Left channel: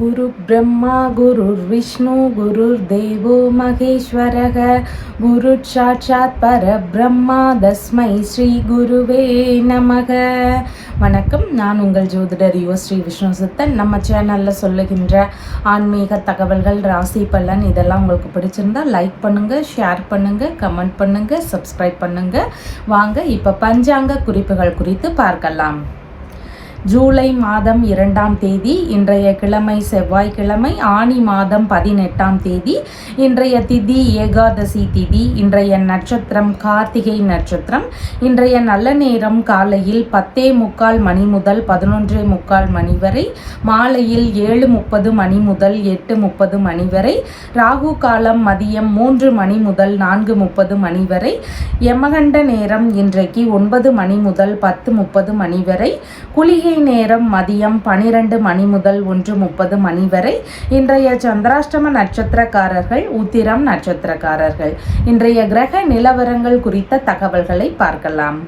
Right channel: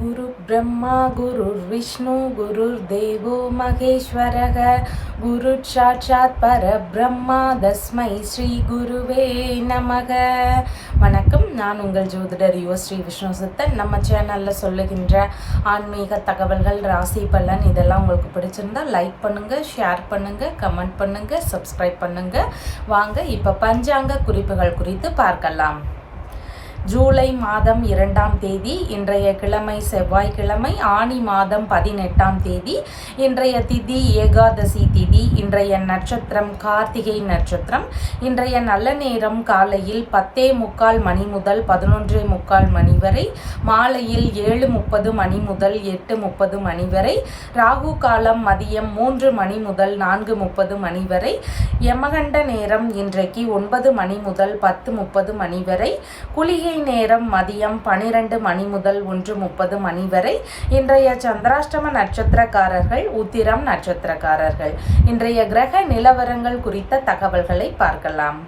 गुरु ब्रह्मा गुरुर्विष्णु गुरुर्देवो महेश्वरः गुरु साक्षात् परब्रह्मा तस्मै ஸ்ரீ குருவே நமக. வணக்கம், நான் உங்கள் ஜோதிடர் ஸ்ரீ விஷ்ணு சித்தன். நம்ம சேனலில் சொல்லுகின்ற ஆன்மீக தகவல்கள், ராசி பலன் இதெல்லாம் உங்களுக்கு பிடிச்சிருந்தா லைக் பண்ணுங்கள், ஷேர் பண்ணுங்கள், கமெண்ட் பண்ணுங்கள், சப்ஸ்கிரைப் பண்ணுங்கள். வாங்க இப்போ பஞ்சாங்க குறிப்புகள் குறித்து பார்க்கலாம். ஜூலை மாதம் 2ஆம் தேதி, இன்றைய கிழமை செவ்வாய்க்கிழமை, ஆனி மாதம் 18ஆம் தேதி. இன்றைய திதி ஏகாதசி திதி. இன்றைய நட்சத்திரம் கார்த்திகை நட்சத்திரம். இன்றைய நல்ல நேரம் காலையில் 10:45 மணி முதல் 11:45 மணி வரை, மாலையில் 7:30 மணி முதல் 8:30 மணி வரை, ராகு காலம் மதியம் 3 மணி முதல் 4:30 மணி வரை, யமகண்ட நேரம் இன்றைக்கு 9 மணி முதல் 10:30 மணி வரை, குளிகை நேரம் மதியம் 12 மணி முதல் 1:30 மணி வரை. இன்றைய சந்திராஷ்டம நட்சத்திரக்காரர்கள் உத்திரம் நட்சத்திரக்காரர்கள். இன்றைய கிரக நிலவரங்கள் குறித்த தகவல்களை பார்க்கலாம்.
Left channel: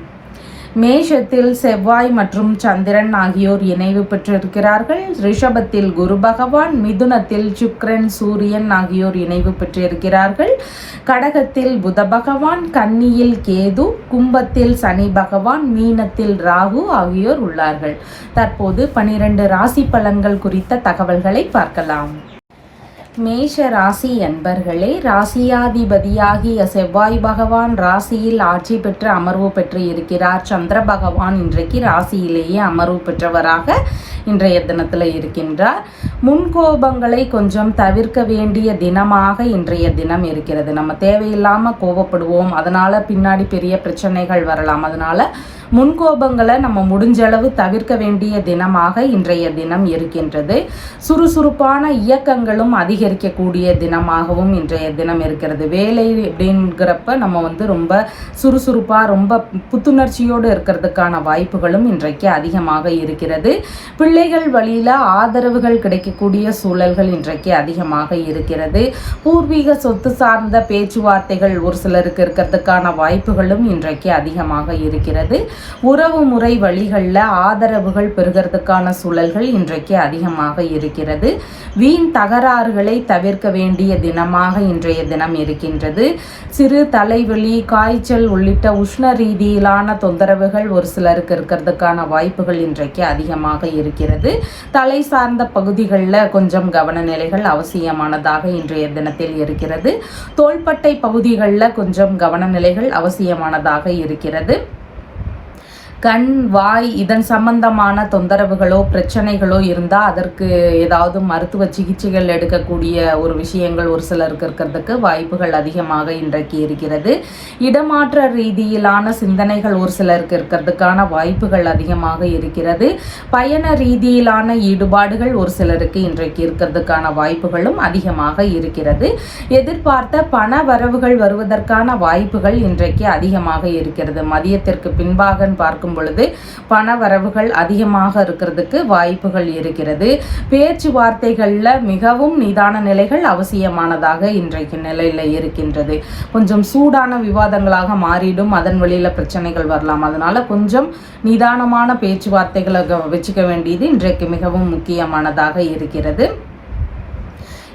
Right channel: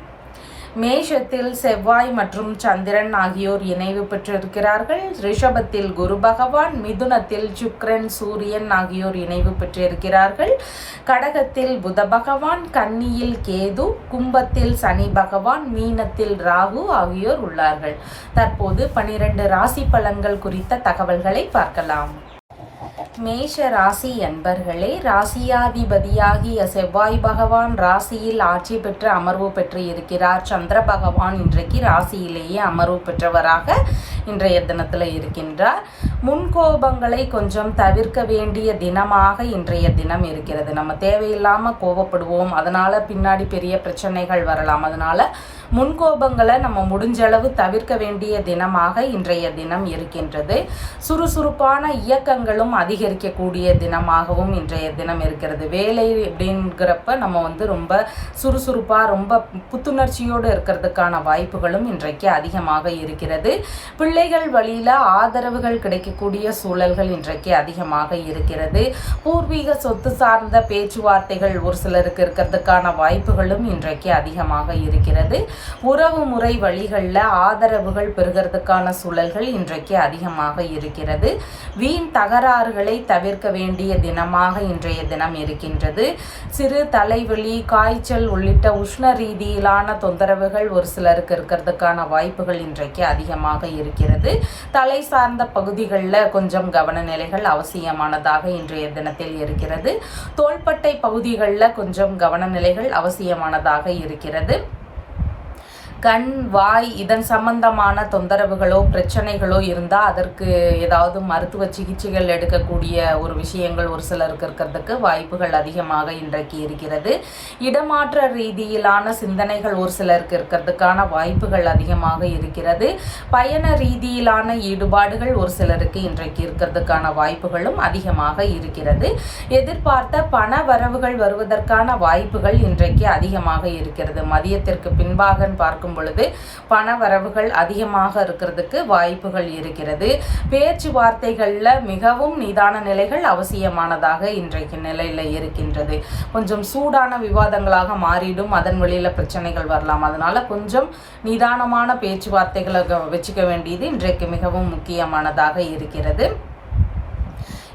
மேஷத்தில் செவ்வாய் மற்றும் சந்திரன் ஆகியோர் இணைவு பெற்றிருக்கிறார்கள். ரிஷபத்தில் குரு பகவான், மிதுனத்தில் சுக்கிரன் சூரியன் ஆகியோர் இணைவு பெற்றிருக்கிறார்கள். கடகத்தில் புத பகவான், கன்னியில் கேது, கும்பத்தில் சனி பகவான், மீனத்தில் ராகு ஆகியோர் உள்ளார்கள். தற்போது 12 ராசி பலன்கள் குறித்த தகவல்களை பார்க்கலாம். மேஷ ராசி அன்பர்களே, ராசியாதிபதியாகிய செவ்வாய் பகவான் ராசியில் ஆட்சி பெற்று அமர்வு பெற்று இருக்கிறார். சந்திர பகவான் இன்றைக்கு ராசியிலேயே அமர்வு பெற்றவராக இன்றைய தினத்தில் இருக்கின்றார். முன்கோபங்களை கொஞ்சம் தவிர்க்க வேண்டிய தினமாக இன்றைய தினம் இருக்கிறது. நம்ம தேவையில்லாமல் கோபப்படுவோம், அதனால பின்னாடி பெரிய பிரச்சனைகள் வரலாம். அதனால முன்கோபங்களை நம்ம முடிஞ்சளவு தவிர்க்க வேண்டிய தினமாக இன்றைய தினம் இருக்கின்றது. சுறுசுறுப்பான இயக்கங்களும் அதிகரிக்கக்கூடிய தினமாகவும் இன்றைய தினம் இருக்கிறது. வேலை அப்படிங்கிறப்ப நம்ம ரொம்ப சுறுசுறுப்பாக ரொம்ப புத்துணர்ச்சியோடு இருக்கிறதுக்கான வாய்ப்புகளும் இன்றைக்கு அதிகமாக இருக்கிறது. பிள்ளைகள் வழியில் ஆதரவுகள் கிடைக்கக்கூடிய சூழல்கள் இன்றைக்கு அதிகமாக இருக்கிறது. பூர்வீக சொத்து சார்ந்த பேச்சுவார்த்தைகள் ஒரு சிலருக்கு இருக்கிறதுக்கான வாய்ப்புகளும் இன்றைக்கு அதிகமாக இருக்கிறது. உறவு முறை வழிகளில் ஆதரவுகள் பெறுகிறதுக்கான சூழல்கள் இன்றைக்கு அதிகமாக இருக்கிறது. வீண் தகராறுகளை தவிர்க்க வேண்டிய தினமாக இன்றைய தினம் இருக்கின்றது. சிறு தலைவலி, காய்ச்சல் உள்ளிட்ட உஷ்ண ரீதியிலான தொந்தரவுகள் ஒரு சிலருக்கு இருக்கிறதுக்கான வாய்ப்புகள் இன்றைக்கு அதிகமாக இருக்கிறது. தலை சார்ந்த பகுதிகளில் கொஞ்சம் கவனநிலைகள் அவசியமானதாக இன்றைய தினத்தில் இருக்கிறது. தோள்பட்டை பகுதிகளில் கொஞ்சம் கவனநிலைகள் அவசியமானதாக இருக்கிறது. கண், வாய் இதன் சம்பந்தமான தொந்தரவுகளோ பிரச்சனைகளோ இருந்தால் அதற்கு ஏதாவது மருத்துவ சிகிச்சைகள் எடுக்கக்கூடிய ஒரு விஷயங்கள் ஒரு சிலருக்கு இருக்கிறதுக்கு வாய்ப்புகள் அதிகமாக இன்றைக்கு இருக்கிறது. இடமாற்ற ரீதியிலான சிந்தனைகள் ஒரு சிலருக்கு இருக்கிறதுக்கான வாய்ப்புகள் அதிகமாக இருக்கிறது. பயண ரீதியிலான ஈடுபாடுகள் ஒரு சிலருக்கு இன்றைக்கு இருக்கிறதுக்கான வாய்ப்புகளும் அதிகமாக இருக்கிறது. எதிர்பார்த்த பண வரவுகள் வருவதற்கான வாய்ப்புகள் இன்றைக்கு அதிகமாக இருக்கிறது. மதியத்திற்கு பின்பாக பார்க்கும் பொழுது பண வரவுகள் அதிகமாக இருக்கிறதுக்கு வாய்ப்புகள் இருக்கிறது. பேச்சுவார்த்தைகள்ல மிகவும் நிதான நிலைகள் அவசியமானதாக இன்றைக்கு நிலையில இருக்கின்றது. கொஞ்சம் சூடான விவாதங்களாக மாறிடும், அதன் வழியில பிரச்சனைகள் வரலாம். அதனால கொஞ்சம் நிதானமான பேச்சுவார்த்தைகளை வச்சுக்க வேண்டியது இன்றைக்கு மிகவும் முக்கியமானதாக இருக்கிறது.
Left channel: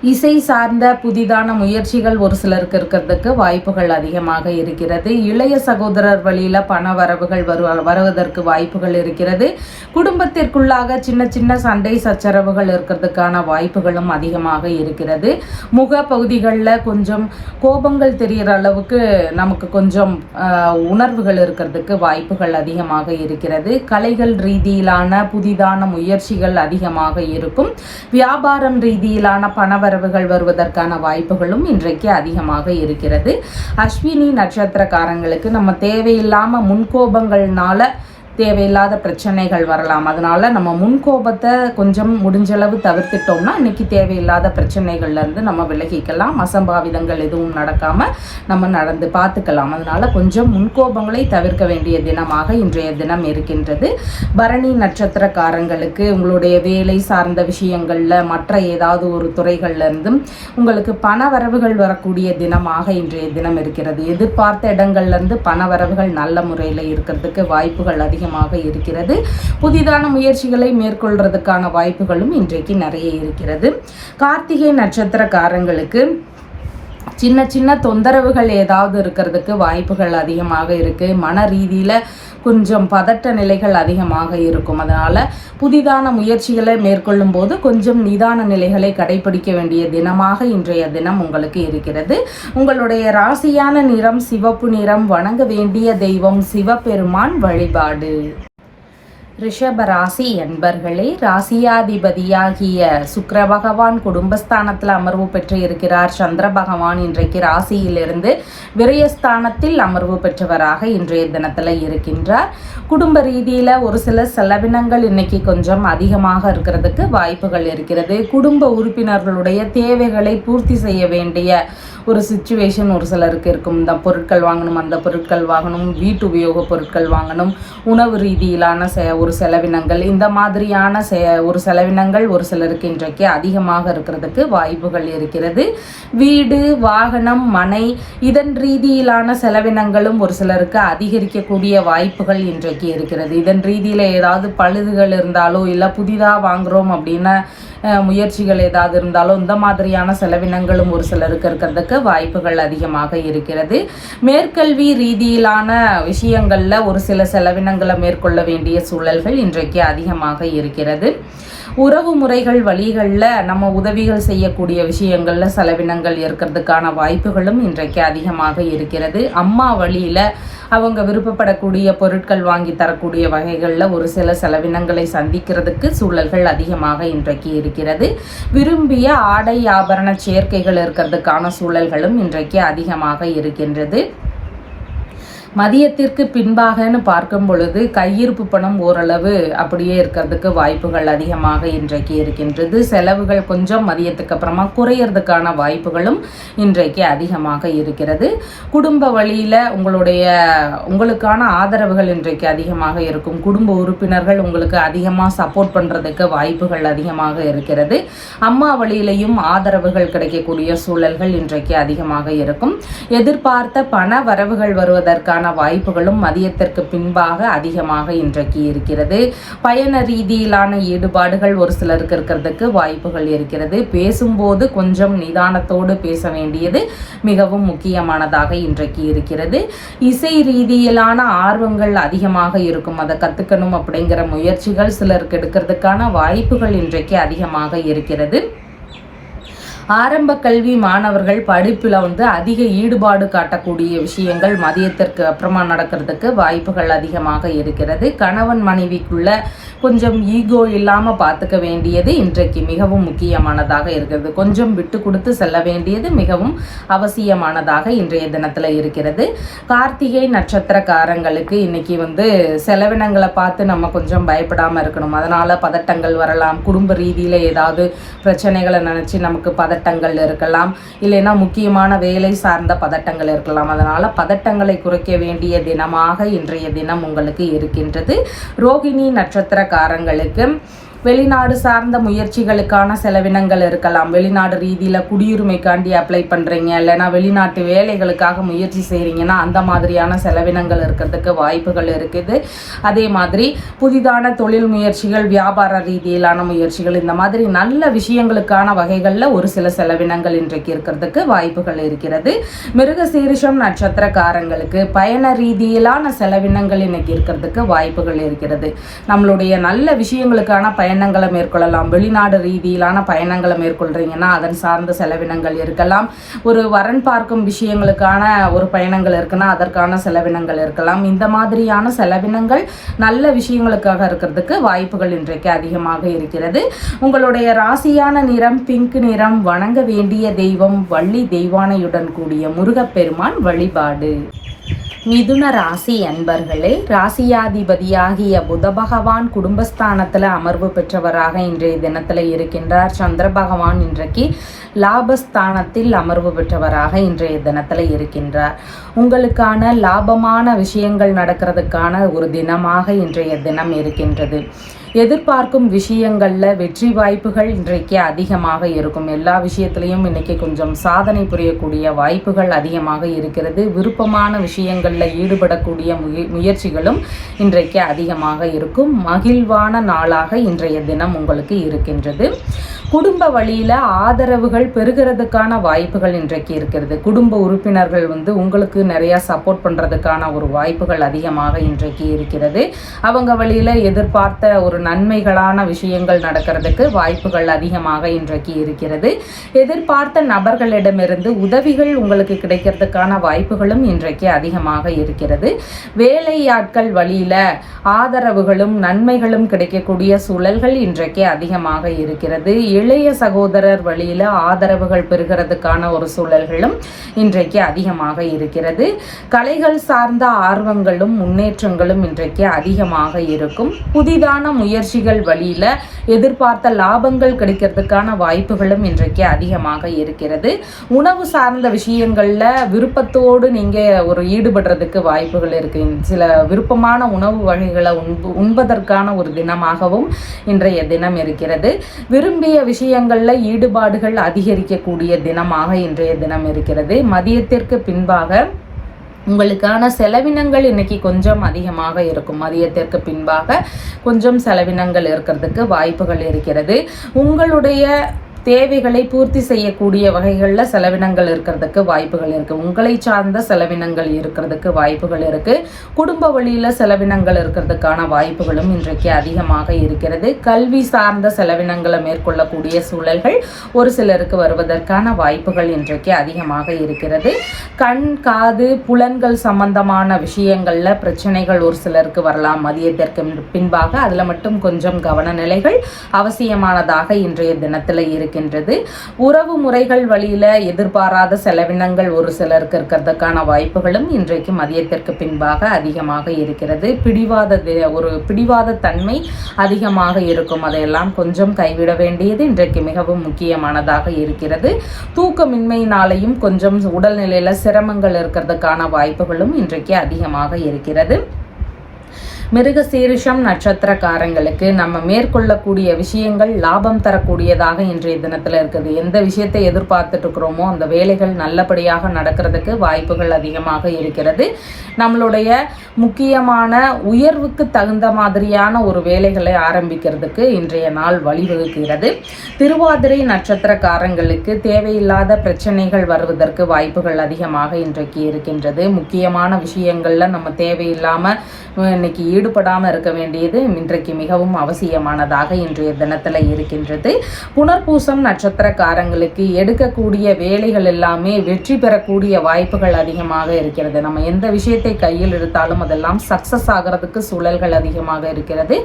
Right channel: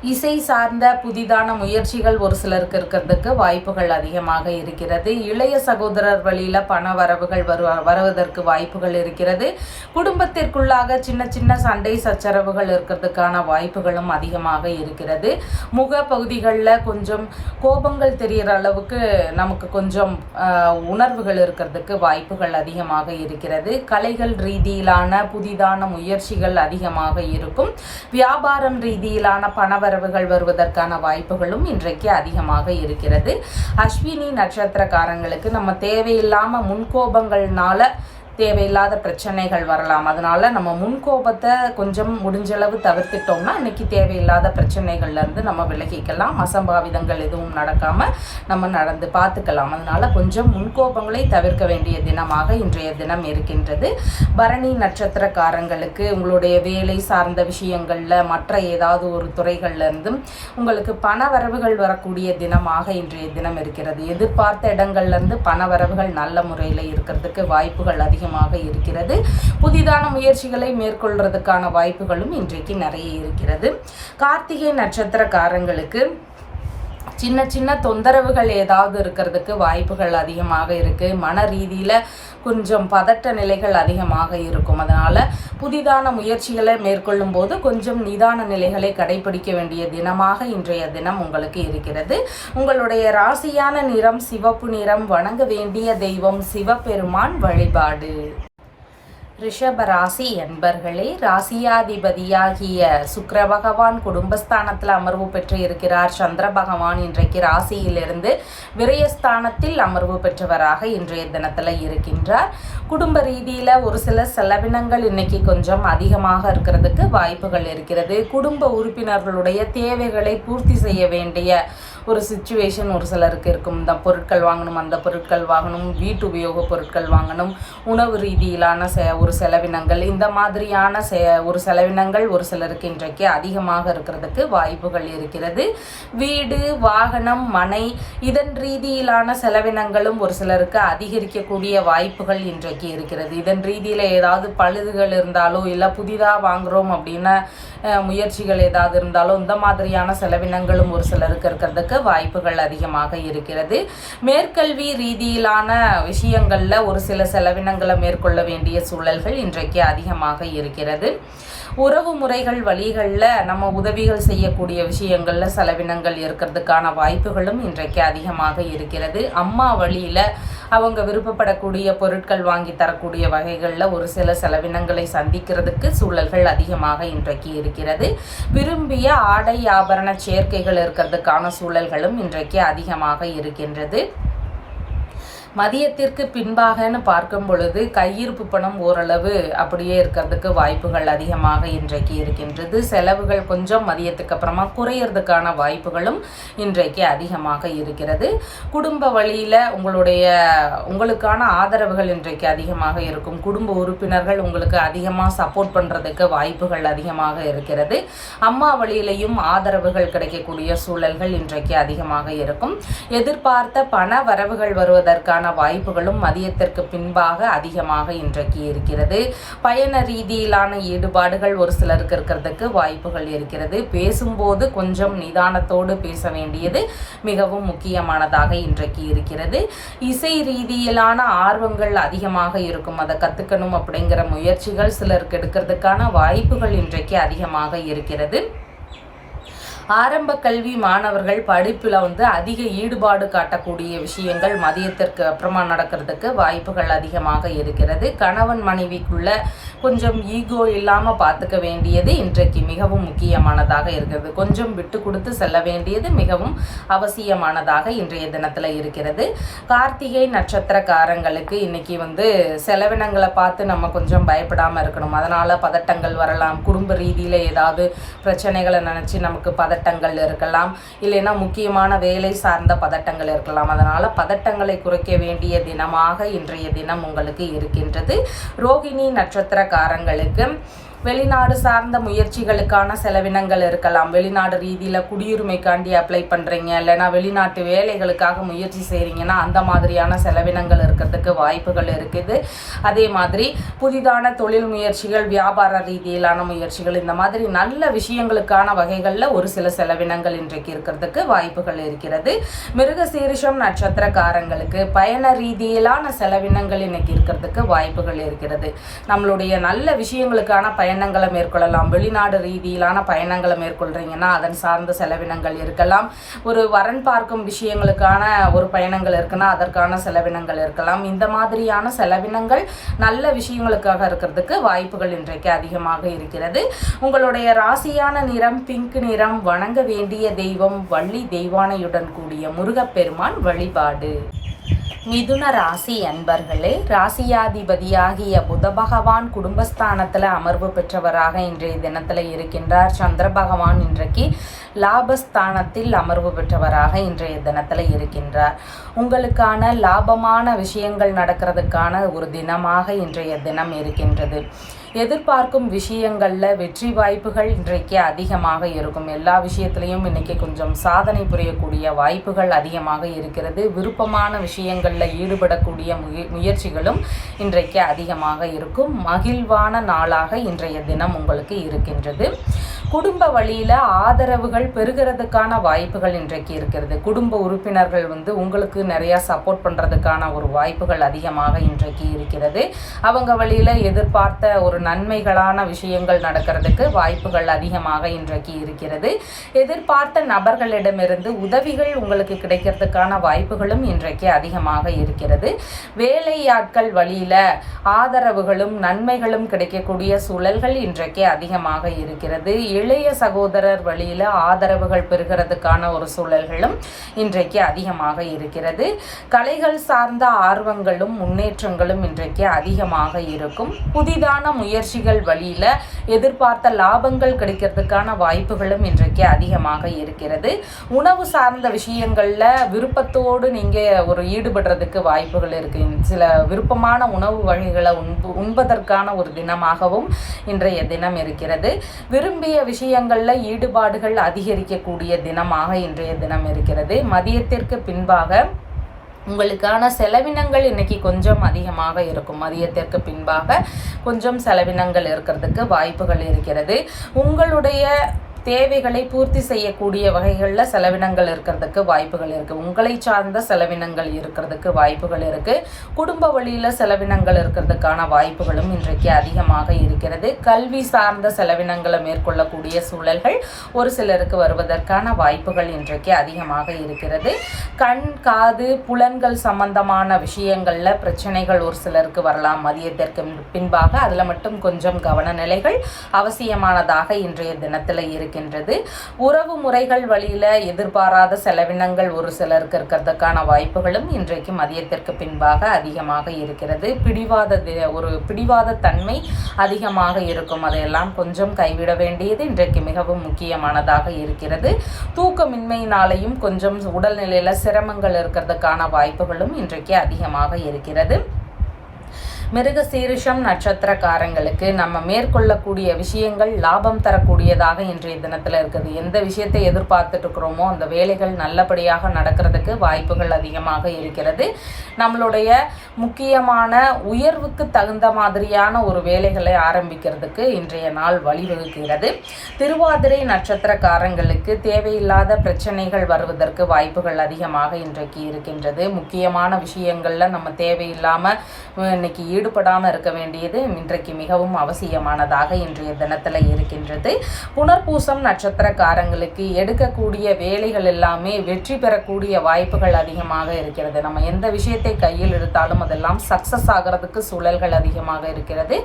இசை சார்ந்த புதிதான முயற்சிகள் ஒரு சிலருக்கு இருக்கிறதுக்கு வாய்ப்புகள் அதிகமாக இருக்கிறது. இளைய சகோதரர் வழியில பண வரவுகள் வருவதற்கு வாய்ப்புகள் இருக்கிறது. குடும்பத்திற்குள்ளாக சின்ன சின்ன சண்டை சச்சரவுகள் இருக்கிறதுக்கான வாய்ப்புகளும் அதிகமாக இருக்கிறது. முக பகுதிகளில் கொஞ்சம் கோபங்கள் தெரிகிற அளவுக்கு நமக்கு கொஞ்சம் உணர்வுகள் இருக்கிறதுக்கு வாய்ப்புகள் அதிகமாக இருக்கிறது. கலைகள் ரீதியிலான புதிதான முயற்சிகள் அதிகமாக இருக்கும். வியாபாரம் ரீதியிலான பண வரவுகள் வருவதற்கான வாய்ப்புகளும் இன்றைக்கு அதிகமாக இருக்கிறது. அஸ்வினி நட்சத்திரக்காரங்களுக்கு நம்ம தேவையில்லாம முன்கோபங்கள்னால தேவையில்லாத பிரச்சனைகள் வரலாம். அதனால நம்ம முன்கோபத்தை கொஞ்சம் முடிஞ்சளவு தவிர்த்துட்டோம்னா இன்னைக்கு தேவையில்லாத பிரச்சனைகள்ல இருந்து நம்ம விலகிக்கலாம். அசம்பாவிதங்கள் எதுவும் நடக்காம நம்ம நடந்து பார்த்துக்கலாம். அதனால கொஞ்சம் முன்கோபங்களை தவிர்க்க வேண்டிய தினமாக இன்றைய தினம் இருக்கின்றது. பரணி நட்சத்திரக்காரங்களுக்கு உங்களுடைய வேலை சார்ந்த விஷயங்கள்ல மற்ற ஏதாவது ஒரு துறைகள்ல இருந்தும் உங்களுக்கு பண வரவுகள் வரக்கூடிய தினமாக இன்றைய தினம் இருக்கிறது. எதிர்பார்த்த இடங்கள்ல இருந்து பண வரவுகள் நல்ல முறையில் இருக்கிறதுக்கு வாய்ப்புகள் அதிகம் அதிகமாக இருக்கிறது. புதிதான முயற்சிகளை மேற்கொள்றதுக்கான வாய்ப்புகளும் இன்றைக்கு நிறைய இருக்கிறது. கார்த்திகை நட்சத்திரக்காரங்களுக்கு சின்ன சின்ன தொந்தரவுகள் ஏதாவது இருக்கிறதுக்கு வாய்ப்புகள் அதிகமாக இருக்குது. மன ரீதியில் கொஞ்சம் பதட்ட நிலைகள் அதிகமாக இருக்கும். அதனால் புதிதான முயற்சிகளை மேற்கொள்ளும் போது கொஞ்சம் நிதான நிலைகளை கடைபிடிக்க வேண்டிய தினமாக இன்றைய தினம் உங்களுக்கு இருக்கிறது. உங்களுடைய ராசியான நிறம் சிவப்பு நிறம். வணங்க வேண்டிய தெய்வம் சிவபெருமான் வழிபாடு. ரிஷபராசி என்பர்களே, ராசியாதிபதியாகிய சுக்கிர பகவான் குடும்பஸ்தானத்தில் அமர்வு பெற்று இருக்கிறார். சந்திர பகவான் இன்றைக்கு ராசியிலிருந்து விரயஸ்தானத்தில் அமர்வு பெற்றவராக இன்றைய தினத்தில் இருக்கின்றார். குடும்ப ரீதியில் ஒரு சில செலவினங்கள் இன்னைக்கு கொஞ்சம் அதிகமாக இருக்கிறதுக்கு வாய்ப்புகள் இருக்கிறது. குடும்ப உறுப்பினர்களுடைய தேவைகளை பூர்த்தி செய்ய வேண்டிய ஒரு சிச்சுவேஷன் ஒரு சிலருக்கு இருக்கும். இந்த பொருட்கள் வாங்கணும், அந்த பொருட்கள் வாங்கணும், வீட்டு உபயோக பொருட்கள் வாங்கணும், உணவு ரீதியிலான ஒரு செலவினங்கள், இந்த மாதிரியான ஒரு செலவினங்கள் ஒரு சிலருக்கு இன்றைக்கு அதிகமாக இருக்கிறதுக்கு வாய்ப்புகள் இருக்கிறது. வீடு, வாகனம், மனை இதன் ரீதியிலான செலவினங்களும் ஒரு சிலருக்கு அதிகரிக்கக்கூடிய வாய்ப்புகள் இன்றைக்கு இருக்கிறது. இதன் ரீதியில் ஏதாவது பழுதுகள் இருந்தாலோ இல்லை புதிதாக வாங்குகிறோம் அப்படின்னா முயற்சிகள் ஏதாவது இருந்தாலும் இந்த மாதிரியான செலவினங்களும் ஒரு சிலருக்கு இருக்கிறதுக்கு வாய்ப்புகள் அதிகமாக இருக்கிறது. மேற்கல்வி ரீதியிலான விஷயங்களில் ஒரு சில செலவினங்களை மேற்கொள்ள வேண்டிய சூழல்கள் இன்றைக்கு அதிகமாக இருக்கிறது. உறவு முறைகள் வழிகளில் நம்ம உதவிகள் செய்யக்கூடிய விஷயங்களில் செலவினங்கள் இருக்கிறதுக்கான வாய்ப்புகளும் இன்றைக்கு அதிகமாக இருக்கிறது. அம்மா வழியில் அவங்க விருப்பப்படக்கூடிய பொருட்கள் வாங்கி தரக்கூடிய வகைகளில் ஒரு சில செலவினங்களை சந்திக்கிறதுக்கு சூழல்கள் அதிகமாக இன்றைக்கு இருக்கிறது. விரும்பிய ஆடை ஆபரண சேர்க்கைகள் இருக்கிறதுக்கான சூழல்களும் இன்றைக்கு அதிகமாக இருக்கின்றது. மதியத்திற்கு பின்பாகன்னு பார்க்கும் பொழுது கையிருப்பு பணம் ஓரளவு அப்படியே இருக்கிறதுக்கு வாய்ப்புகள் அதிகமாக இன்றைக்கு இருக்கின்றது. செலவுகள் கொஞ்சம் மதியத்துக்கு அப்புறமா குறையிறதுக்கான வாய்ப்புகளும் இன்றைக்கு அதிகமாக இருக்கிறது. குடும்ப வழியில் உங்களுக்கான ஆதரவுகள் இன்றைக்கு அதிகமாக இருக்கும். குடும்ப உறுப்பினர்கள் உங்களுக்கு அதிகமாக சப்போர்ட் பண்ணுறதுக்கு வாய்ப்புகள் அதிகமாக இருக்கிறது. அம்மா வழியிலையும் ஆதரவுகள் கிடைக்கக்கூடிய சூழல்கள் இன்றைக்கு அதிகமாக இருக்கும். எதிர்பார்த்த பண வரவுகள் வருவதற்கான வாய்ப்புகளும் மதியத்திற்கு பின்பாக அதிகமாக இன்றைக்கு இருக்கிறது. பயண ரீதியிலான ஈடுபாடுகள் ஒரு சிலருக்கு இருக்கிறதுக்கு வாய்ப்புகள் இருக்கிறது. பேசும்போது கொஞ்சம் நிதானத்தோடு பேச வேண்டியது மிகவும் முக்கியமானதாக இன்றைக்கு இருக்கிறது. இசை ரீதியிலான ஆர்வங்கள் அதிகமாக இருக்கும். அதை கற்றுக்கணும் அப்படிங்கிற முயற்சிகள் சிலருக்கு எடுக்கிறதுக்கான வாய்ப்புகள் இன்றைக்கு அதிகமாக இருக்கிறது. ஆரம்ப கல்வி மாணவர்கள் படிப்பில் அதிக ஈடுபாடு காட்டக்கூடிய விஷயங்கள் மதியத்திற்கு அப்புறமா நடக்கிறதுக்கு வாய்ப்புகள் அதிகமாக இருக்கிறது. கணவன் மனைவிக்குள்ள கொஞ்சம் ஈகோ இல்லாமல் பார்த்துக்க வேண்டியது இன்றைக்கு மிகவும் முக்கியமானதாக இருக்கிறது. கொஞ்சம் விட்டு கொடுத்து செல்ல வேண்டியது மிகவும் அவசியமானதாக இன்றைய தினத்தில் இருக்கிறது. கார்த்திகை நட்சத்திரக்காரங்களுக்கு இன்னைக்கு செலவினங்களை பார்த்து நம்ம கொஞ்சம் பயப்படாமல் இருக்கணும். அதனால் பதட்டங்கள் வரலாம். குடும்ப ரீதியில் ஏதாவது பிரச்சனைகளை நினச்சி நமக்கு பதட்டங்கள் இருக்கலாம், இல்லைன்னா முக்கியமான வேலை சார்ந்த பதட்டங்கள் இருக்கலாம். அதனால் பதட்டங்களை குறைக்க வேண்டிய தினமாக இன்றைய தினம் உங்களுக்கு இருக்கின்றது. ரோகிணி நட்சத்திரக்காரங்களுக்கு வெளிநாடு சார்ந்த முயற்சிகளுக்கான செலவினங்கள் இருக்கலாம். வெளிநாடு ரீதியில் குடியுரிமைக்காண்டி அப்ளை பண்ணுறீங்க, இல்லைனா வெளிநாட்டு வேலைகளுக்காக முயற்சி செய்கிறீங்கன்னா அந்த மாதிரியான செலவினங்கள் இருக்கிறதுக்கு வாய்ப்புகள் இருக்குது. அதே மாதிரி புதிதான தொழில் முயற்சிகள், வியாபார ரீதியிலான முயற்சிகள், இந்த மாதிரி நல்ல விஷயங்களுக்கான வகைகளில் ஒரு சில செலவினங்கள் இன்றைக்கு இருக்கிறதுக்கு வாய்ப்புகள் இருக்கிறது. மிருகசீரிஷம் நட்சத்திரக்காரங்களுக்கு பயண ரீதியிலான செலவினங்கள் இன்னைக்கு இருக்கிறதுக்கு வாய்ப்புகள் இருக்கிறது. நம்மளுடைய நல்ல விஷயங்களுக்கான பயணங்களை மேற்கொள்ளலாம். வெளிநாடு ரீதியிலான பயணங்களை மேற்கொள்றீங்கன்னா அதன் சார்ந்த செலவினங்கள் இருக்கலாம். ஒரு வரன் பார்க்கும் விஷயங்களுக்கான ஒரு பயணங்கள் இருக்குன்னா அதற்கான செலவினங்கள் இருக்கலாம். இந்த மாதிரியான செலவினங்கள் நல்ல விஷயங்களுக்காக இருக்கிறதுக்கு வாய்ப்புகள் இன்றைக்கு அதிகமாக இருக்கிறது. உங்களுடைய ராசியான நிறம் பிங்க் நிறம். வணங்க வேண்டிய தெய்வம் வள்ளி தெய்வானையுடன் கூடிய முருகப்பெருமான் வழிபாடு. மிதுன ராசி அன்பர்களே, ராசியாதிபதியாகிய புத பகவான் குடும்பஸ்தானத்தில் அமர்வு பெற்றவராக இன்றைய தினத்தில் இருக்கின்றார். சந்திர பகவான் இன்றைக்கு லாபஸ்தானத்தில் அமர்வு பெற்றவராக இன்றைய தினத்தில் இருக்கின்றார். உங்களுக்கான லாபமான விஷயங்கள் நடக்கிறதுக்கான ஒரு தினமாக இன்றைய தினம் இருக்கின்றது. எதிர்பார்க்கும் விஷயங்களில் வெற்றி வாய்ப்புகள் இன்றைக்கு அதிகமாக இருக்கும். எல்லா விஷயத்திலையும் இன்றைக்கி கொஞ்சம் சாதனை புரியக்கூடிய வாய்ப்புகள் அதிகமாக இருக்கிறது. விருப்பமான விஷயங்களில் ஈடுபடக்கூடிய முயற்சிகளும் இன்றைக்கு அதிகமாக இருக்கும். மகிழ்வான நாளாக இன்றைய தினம் உங்களுக்கு இருக்கின்றது. குடும்ப வழியில் ஆதரவுகள் பெறுகிறதுக்கான வாய்ப்புகள் இன்றைக்கு இருக்கிறது. குடும்ப உறுப்பினர்கள் உங்களுக்கு நிறையா சப்போர்ட் பண்ணுறதுக்கான ஒரு வாய்ப்புகள் அதிகமாக இன்றைக்கு இருக்கிறது. அவங்க வழியில் எதிர்பார்த்த ஒரு நன்மைகளான விஷயங்கள் நடக்கிறதுக்கு வாய்ப்புகள் அதிகமாக இன்றைக்கு இருக்கிறது. எதிர்பார்த்த நபர்களிடமிருந்து உதவிகள் உங்களுக்கு கிடைக்கிறதுக்கான வாய்ப்புகளும் இன்றைக்கு அதிகமாக இருக்கிறது. வேலையாட்கள் வழியில் ஆதரவுகளும் நன்மைகளும் கிடைக்கக்கூடிய சூழல்கள் இன்றைக்கு அதிகமாக இருக்கிறது. இளைய சகோதரர் வழியில் ஆதரவுகள் பெறுகிறதுக்கான ஒரு சூழல்களும் இன்றைக்கு அதிகமாக இருக்கிறது. கலைகள் சார்ந்த ஆர்வங்களும் முன்னேற்றங்களும் இன்றைக்கு அதிகமாக இருக்கும். புதிதான முயற்சிகள் வழியில் எதிர்பார்த்த லாபங்கள் கிடைக்கிறதுக்கான வாய்ப்புகளும் இன்றைக்கு அதிகமாக இருக்கிறது. உணவு சார்ந்த விஷயங்களில் விருப்பத்தோடு நீங்கள் ஒரு ஈடுபடுறதுக்கு வாய்ப்புகள் இருக்கு. சில விருப்பமான உணவு வகைகளை உண்பதற்கான ஒரு தினமாகவும் இன்றைய தினம் இருக்கிறது. விரும்பிய விஷயங்களில் ஈடுபாடுகள் அதிகரிக்கக்கூடிய தினமாக இன்றைய தினம் இருக்கிறது. மதியத்திற்கு பின்பாக உங்களுக்கான செலவினங்கள் இன்னைக்கு கொஞ்சம் அதிகமாக இருக்கும். மதியத்திற்கு பின்பாக கொஞ்சம் செலவினங்கள் இருக்கிறதுக்கு வாய்ப்புகள் இருக்கிறது. உங்களுடைய தேவைகளை பூர்த்தி செய்யக்கூடிய வகைகளில் செலவினங்கள் இருக்கிறதுக்கு வாய்ப்புகள் இருக்குது. உங்களை சார்ந்த செலவினங்கள் இருக்கிறதுக்கு வாய்ப்புகள் இருக்குது. குடும்ப வழியில் செலவினங்கள் இருக்கிறதுக்கான வாய்ப்புகளும் இன்றைக்கு அதிகமாக இருக்கிறது. கல்வி சார்ந்த செலவினங்களை மேற்கொள்ளக்கூடிய சூழல்கள் ஒரு சிலருக்கு வருவதற்கான வாய்ப்புகள் இன்றைக்கு அதிகமாக இருக்கிறது. கண் காது புலன்கள் சம்பந்தமான விஷயங்களில் பிரச்சனைகள் ஒரு சிலருக்கு வரலாம் மதியத்திற்கு பின்பாக. அதில் மட்டும் கொஞ்சம் கவன நிலைகள் அவசியமானதாக இன்றைய தினத்தில் இருக்கு. உறவு முறைகள் வழியில எதிர்பாராத செலவினங்கள் ஒரு சிலருக்கு இருக்கிறதுக்கான வாய்ப்புகளும் இன்றைக்கு மதியத்திற்கு பின்பாக அதிகமாக இருக்கிறது. பிடிவாத தன்மை அதிகமாக இருக்கும். அதையெல்லாம் கொஞ்சம் கைவிட வேண்டியது இன்றைக்கு மிகவும் முக்கியமானதாக இருக்கிறது. தூக்கமின்மையினாலையும் கொஞ்சம் உடல்நிலையில சிரமங்கள் இருக்கிறதுக்கான வாய்ப்புகளும் இன்றைக்கு அதிகமாக இருக்கிறது. மிருகசீரிஷம் நட்சத்திரக்காரங்களுக்கு நம்ம மேற்கொள்ளக்கூடிய விஷயங்கள் லாபம் தரக்கூடியதாக இன்றைய தினத்தில் இருக்குது. எந்த விஷயத்தை எதிர்பார்த்துட்டு இருக்கிறோமோ அந்த வேலைகள் நல்லபடியாக நடக்கிறதுக்கு வாய்ப்புகள் அதிகமாக இருக்கிறது. நம்மளுடைய முக்கியமான உயர்வுக்கு தகுந்த மாதிரியான ஒரு வேலைகளை ஆரம்பிக்கிறதுக்கு இன்றைய நாள் வழிவகுக்கிறது. திருவாதிரை நட்சத்திரக்காரங்களுக்கு தேவையில்லாத பிரச்சனைகள் வருவதற்கு வாய்ப்புகள் அதிகமாக இன்றைக்கு இருக்கின்றது. முக்கியமான விஷயங்கள்ல நம்ம தேவையில்லாமல் இன்னைக்கு ஈடுபடாமல் இருக்க வேண்டியது இன்றைக்கு மிகவும் அவசியமானதாக இன்றைய தினத்தில் இருக்கின்றது. புனர்பூசம் நட்சத்திரக்காரங்களுக்கு எடுக்கக்கூடிய வேலைகள் எல்லாமே வெற்றி பெறக்கூடிய வாய்ப்புகள் அதிகமாக இருக்கிறது. நம்ம எந்த விஷயத்தை கையில் எடுத்தாலும் அதெல்லாம் சக்சஸ் ஆகிறதுக்கு சூழல்கள் அதிகமாக இருக்கிறது.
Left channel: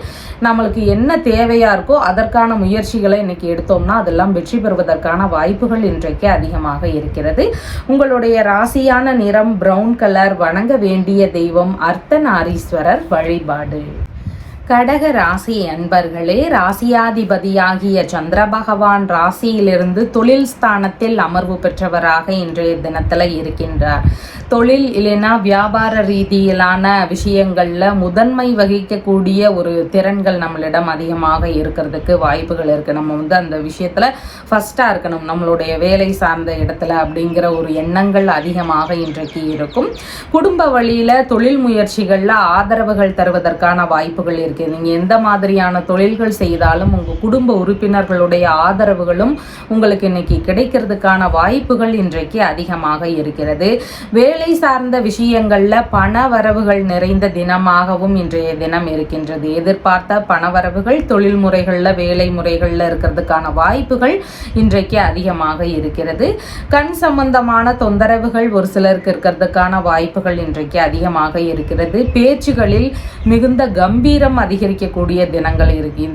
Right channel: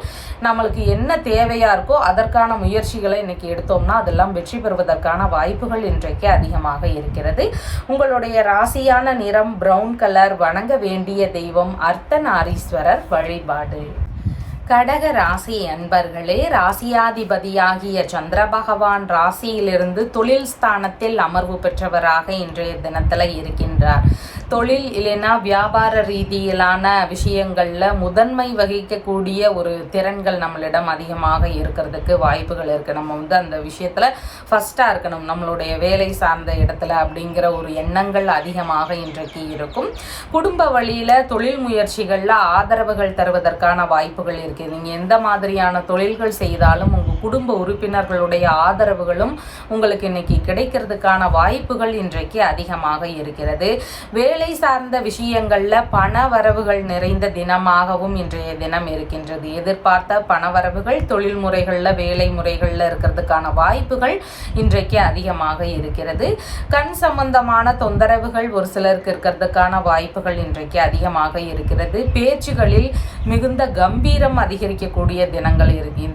நம்மளுக்கு என்ன தேவையா இருக்கோ அதற்கான முயற்சிகளை இன்னைக்கு எடுத்தோம்னா அதெல்லாம் வெற்றி பெறுவதற்கான வாய்ப்புகள் இன்றைக்கு அதிகமாக இருக்கிறது. உங்களுடைய ராசியான நிறம் பிரவுன் கலர். வணங்க வேண்டிய தெய்வம் அர்த்தநாரீஸ்வரர் வழிபாடு. கடக ராசி அன்பர்களே, ராசியாதிபதியாகிய சந்திர பகவான் ராசியிலிருந்து தொழில் ஸ்தானத்தில் அமர்வு பெற்றவராக இன்றைய தினத்தில் இருக்கின்றார். தொழில் இல்லைன்னா வியாபார ரீதியிலான விஷயங்களில் முதன்மை வகிக்கக்கூடிய ஒரு திறன்கள் நம்மளிடம் அதிகமாக இருக்கிறதுக்கு வாய்ப்புகள் இருக்குது. நம்ம அந்த விஷயத்தில் ஃபஸ்ட்டாக இருக்கணும் நம்மளுடைய வேலை சார்ந்த இடத்துல அப்படிங்கிற ஒரு எண்ணங்கள் அதிகமாக இன்றைக்கு இருக்கும். குடும்ப வழியில் தொழில் முயற்சிகளில் ஆதரவுகள் தருவதற்கான வாய்ப்புகள் இருக்குது. நீங்கள் எந்த மாதிரியான தொழில்கள் செய்தாலும் உங்கள் குடும்ப உறுப்பினர்களுடைய ஆதரவுகளும் உங்களுக்கு இன்னைக்கு கிடைக்கிறதுக்கான வாய்ப்புகள் இன்றைக்கு அதிகமாக இருக்கிறது. வேலை சார்ந்த விஷயங்கள்ல பண வரவுகள் நிறைந்த தினமாகவும் இன்றைய தினம் இருக்கின்றது. எதிர்பார்த்த பணவரவுகள் தொழில் முறைகள்ல வேலை முறைகள்ல இருக்கிறதுக்கான வாய்ப்புகள் இன்றைக்கு அதிகமாக இருக்கிறது. கண் சம்பந்தமான தொந்தரவுகள் ஒரு சிலருக்கு இருக்கிறதுக்கான வாய்ப்புகள் இன்றைக்கு அதிகமாக இருக்கிறது. பேச்சுகளில் மிகுந்த கம்பீரம் அதிகரிக்கக்கூடிய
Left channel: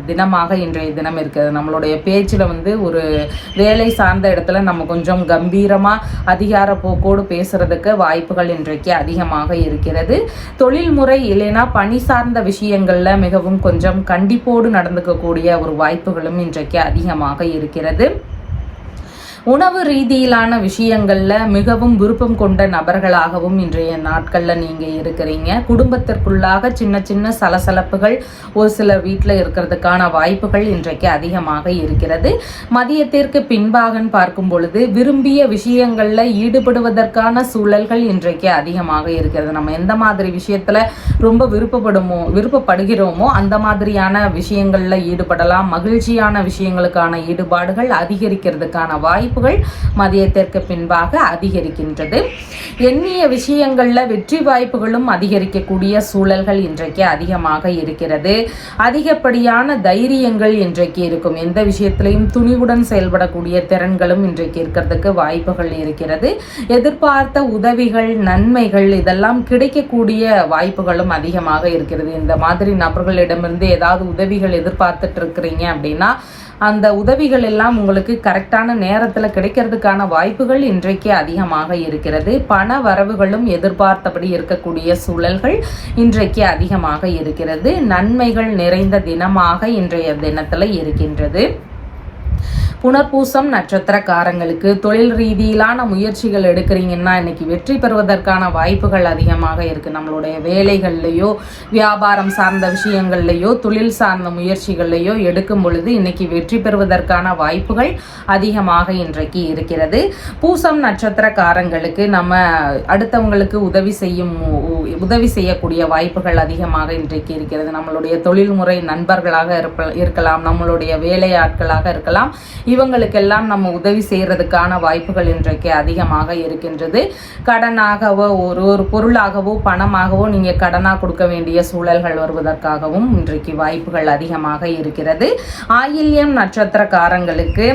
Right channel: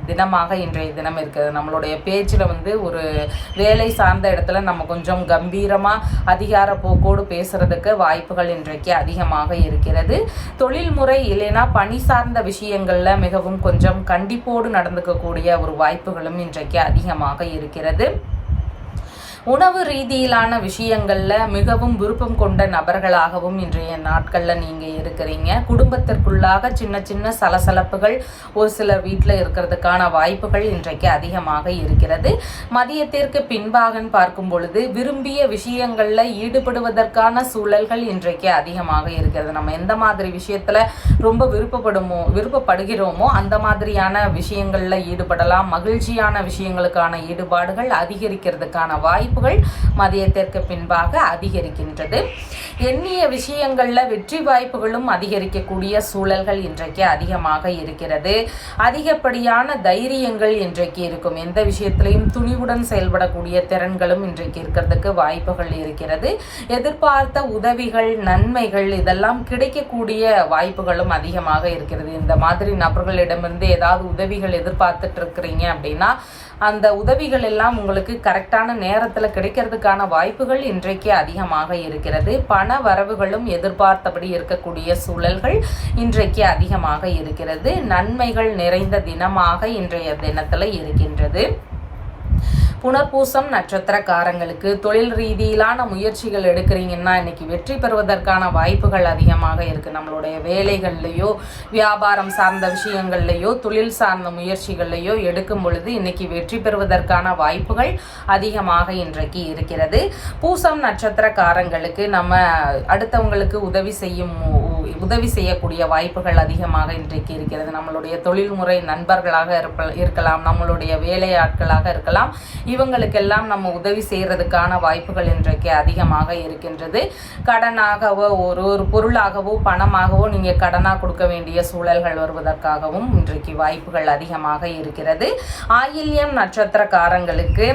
தினமாக இன்றைய தினம் இருக்கிறது. நம்மளுடைய பேச்சில் ஒரு வேலை சார்ந்த இடத்துல நம்ம கொஞ்சம் கம்பீரமா அதிகார போக்கோடு பேசுறதுக்கு வாய்ப்புகள் இன்றைக்கு அதிகமாக இருக்கிறது. தொழில் முறை இல்லைனா பணி சார்ந்த விஷயங்கள்ல மிகவும் கொஞ்சம் கண்டிப்போடு நடந்துக்கக்கூடிய ஒரு வாய்ப்புகளும் இன்றைக்கு அதிகமாக இருக்கிறது. உணவு ரீதியிலான விஷயங்கள்ல மிகவும் விருப்பம் கொண்ட நபர்களாகவும் இன்றைய நாட்கள்ல நீங்க இருக்கிறீங்க. குடும்பத்திற்குள்ளாக சின்ன சின்ன சலசலப்புகள் ஒரு சிலர் வீட்டில் இருக்கிறதுக்கான வாய்ப்புகள் இன்றைக்கு அதிகமாக இருக்கிறது. மதியத்திற்கு பின்பாக பார்க்கும் பொழுது விரும்பிய விஷயங்கள்ல ஈடுபடுவதற்கான சூழல்கள் இன்றைக்கு அதிகமாக இருக்கிறது. நம்ம எந்த மாதிரி விஷயத்துல ரொம்ப விருப்பப்படுகிறோமோ அந்த மாதிரியான விஷயங்கள்ல ஈடுபடலாம். மகிழ்ச்சியான விஷயங்களுக்கான ஈடுபாடுகள் அதிகரிக்கிறதுக்கான வாய்ப்புகள் மதியத்திற்கு பின்பாக அதிகரிக்கின்றது. எண்ணிய விஷயங்கள்ல வெற்றி வாய்ப்புகளும் அதிகரிக்கக்கூடிய சூழல்கள் இன்றைக்கு அதிகமாக இருக்கிறது. அதிகப்படியான தைரியங்கள் இன்றைக்கு இருக்கும். எந்த விஷயத்திலையும் துணிவுடன் செயல்படக்கூடிய திறன்களும் இன்றைக்கு இருக்கிறதுக்கு வாய்ப்புகள் இருக்கிறது. எதிர்பார்த்த உதவிகள், நன்மைகள் இதெல்லாம் கிடைக்கக்கூடிய வாய்ப்புகளும் அதிகமாக இருக்கிறது. இந்த மாதிரி நபர்களிடமிருந்து ஏதாவது உதவிகள் எதிர்பார்த்துட்டு இருக்கிறீங்க அப்படின்னா அந்த உதவிகள் எல்லாம் உங்களுக்கு கரெக்டான நேரத்தில் கிடைக்கிறதுக்கான வாய்ப்புகள் இன்றைக்கு அதிகமாக இருக்கிறது. பண வரவுகளும் எதிர்பார்த்தபடி இருக்கக்கூடிய சூழல்கள் இன்றைக்கு அதிகமாக இருக்கிறது. நன்மைகள் நிறைந்த தினமாக இன்றைய தினத்தில் இருக்கின்றது. புனர்பூசம் நட்சத்திரக்காரங்களுக்கு தொழில் ரீதியிலான முயற்சிகள் எடுக்கிறீங்கன்னா இன்னைக்கு வெற்றி பெறுவதற்கான வாய்ப்புகள் அதிகமாக இருக்கு. நம்மளுடைய வேலைகள்லையோ, வியாபாரம் சார்ந்த விஷயங்கள்லையோ, தொழில் சார்ந்த முயற்சிகள்லையோ எடுக்கும் பொழுது இன்னைக்கு வெற்றி பெறுவதற்கான வாய்ப்புகள் அதிகமாக இன்றைக்கு இருக்கிறது. பூசம் நட்சத்திரக்காரங்களுக்கு நம்ம அடுத்தவங்களுக்கு உதவி செய்யக்கூடிய வாய்ப்புகள் அதிகமாக இன்றைக்கு இருக்கிறது. நம்மளுடைய தொழில்முறை நண்பர்களாக இருக்கலாம், நம்மளுடைய வேலையாட்களாக இருக்கலாம். இவங்களுக்கெல்லாம் நம்ம உதவி செய்யறதுக்கான வாய்ப்புகள் இன்றைக்கு அதிகமாக இருக்கின்றது. கடனாகவோ ஒரு பொருளாகவோ பணமாகவோ நீங்க கடனா கொடுக்க வேண்டிய சூழல்கள் வருவதற்காகவும் இன்றைக்கு வாய்ப்புகள் அதிகமாக இருக்கிறது. ஆயில்யம் நட்சத்திரக்காரங்களுக்கு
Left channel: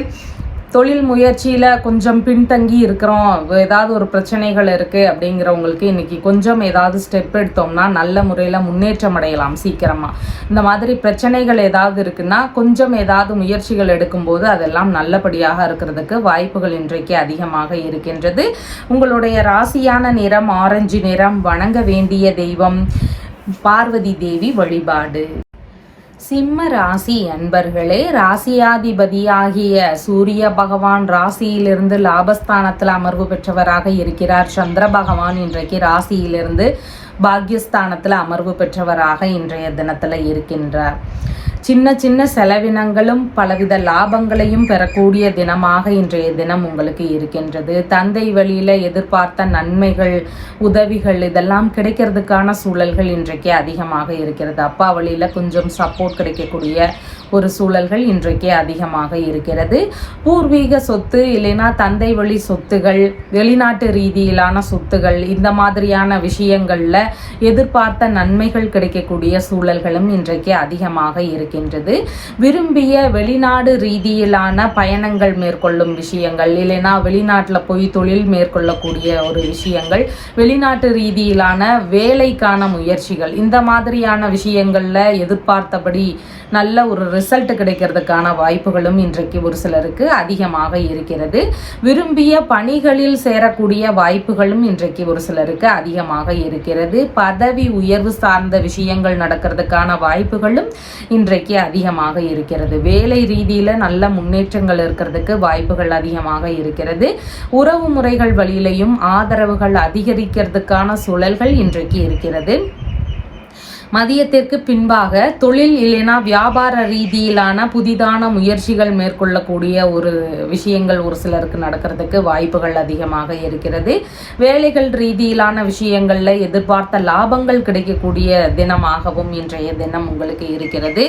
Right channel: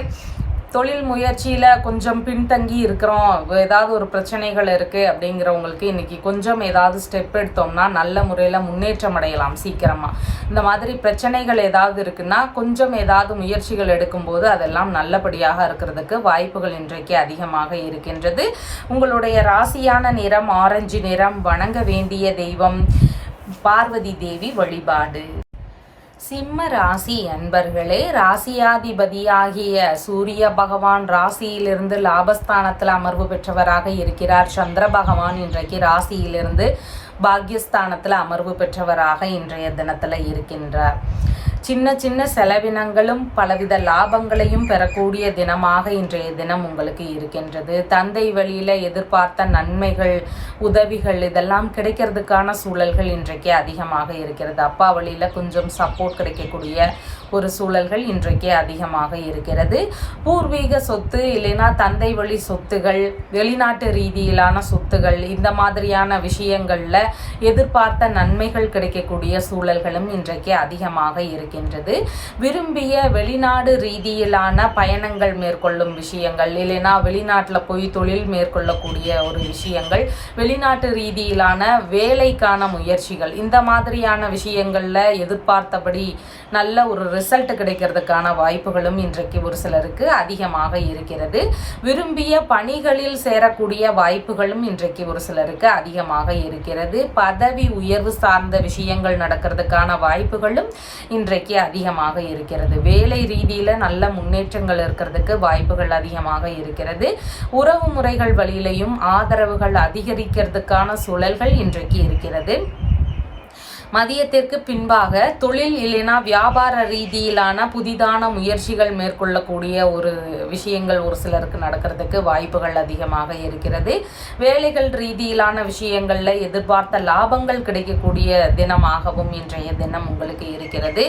தொழில் முயற்சியில் கொஞ்சம் பின்தங்கி இருக்கிறோம், ஏதாவது ஒரு பிரச்சனைகள் இருக்குது அப்படிங்கிறவங்களுக்கு இன்றைக்கி கொஞ்சம் ஏதாவது ஸ்டெப் எடுத்தோம்னா நல்ல முறையில் முன்னேற்றம் அடையலாம் சீக்கிரமாக. இந்த மாதிரி பிரச்சனைகள் ஏதாவது இருக்குன்னா கொஞ்சம் ஏதாவது முயற்சிகள் எடுக்கும்போது அதெல்லாம் நல்லபடியாக இருக்கிறதுக்கு வாய்ப்புகள் இன்றைக்கு அதிகமாக இருக்கின்றது. உங்களுடைய ராசியான நிறம் ஆரஞ்சு நிறம். வணங்க வேண்டிய தெய்வம் பார்வதி தேவி வழிபாடு. சிம்ம ராசி அன்பர்களே, ராசியாதிபதியாகிய சூரிய பகவான் ராசியிலிருந்து லாபஸ்தானத்தில் அமர்வு பெற்றவராக இருக்கிறார். சந்திர பகவான் இன்றைக்கு ராசியிலிருந்து பாக்யஸ்தானத்தில் அமர்வு பெற்றவராக இன்றைய தினத்தில் இருக்கின்றார். சின்ன சின்ன செலவினங்களும் பலவித லாபங்களையும் பெறக்கூடிய தினமாக இன்றைய தினம் உங்களுக்கு இருக்கின்றது. தந்தை வழியில் எதிர்பார்த்த நன்மைகள், உதவிகள் இதெல்லாம் கிடைக்கிறதுக்கான சூழல்கள் இன்றைக்கு அதிகமாக இருக்கிறது. அப்பா வழியில் கொஞ்சம் சப்போர்ட் கிடைக்கக்கூடிய ஒரு சூழல்கள் இன்றைக்கு அதிகமாக இருக்கிறது. பூர்வீக சொத்து இல்லைன்னா தந்தை வழி சொத்துகள், வெளிநாட்டு ரீதியிலான சொத்துகள் இந்த மாதிரியான விஷயங்கள்ல எதிர்பார்த்த நன்மைகள் கிடைக்கக்கூடிய சூழல்களும் இன்றைக்கு அதிகமாக இருக்கின்றது. விரும்பிய வெளிநாடு ரீதியிலான பயணங்கள் மேற்கொள்ளும் விஷயங்கள், இல்லைன்னா வெளிநாட்டில் போய் தொழில் மேற்கொள்ளக்கூடிய ஒரு விஷயங்கள், வெளிநாட்டு ரீதியிலான வேலைக்கான முயற்சிகள் இந்த மாதிரியான விஷயங்கள்ல எதிர்பார்த்தபடி நல்ல ஒரு ரிசல்ட் கிடைக்கிறதுக்கான வாய்ப்புகளும் இன்றைக்கு ஒரு சிலருக்கு அதிகமாக இருக்கிறது. விரும்பிய பணிகளில் சேரக்கூடிய வாய்ப்புகளும் இன்றைக்கு ஒரு சிலருக்கு அதிகமாக இருக்கிறது. பதவி உயர்வு சார்ந்த விஷயங்கள் நடக்கிறதுக்கான வாய்ப்புகளும் இன்றைக்கு அதிகமாக இருக்கிறது. வேலை ரீதியில நல்ல முன்னேற்றங்கள் இருக்கிறதுக்கு வாய்ப்புகள் அதிகமாக இருக்கிறது. உறவு முறைகள் வழியிலையும் ஆதரவுகள் அதிகரிக்கிறதுக்கான சூழல்கள் இன்றைக்கு இருக்கிறது. மதியத்திற்கு பின்பாக தொழில் இல்லைனா வியாபார ரீதியிலான புதிதான முயற்சிகள் மேற்கொள்ளக்கூடிய ஒரு விஷயங்கள் ஒரு சிலருக்கு நடக்கிறதுக்கு வாய்ப்புகள் அதிகமாக இருக்கிறது. வேலைகள் ரீதியிலான விஷயங்கள்ல எதிர்பார்த்த லாபங்கள் கிடைக்கக்கூடிய தினமாகவும் இன்றைய தினம் உங்களுக்கு இருக்கிறது.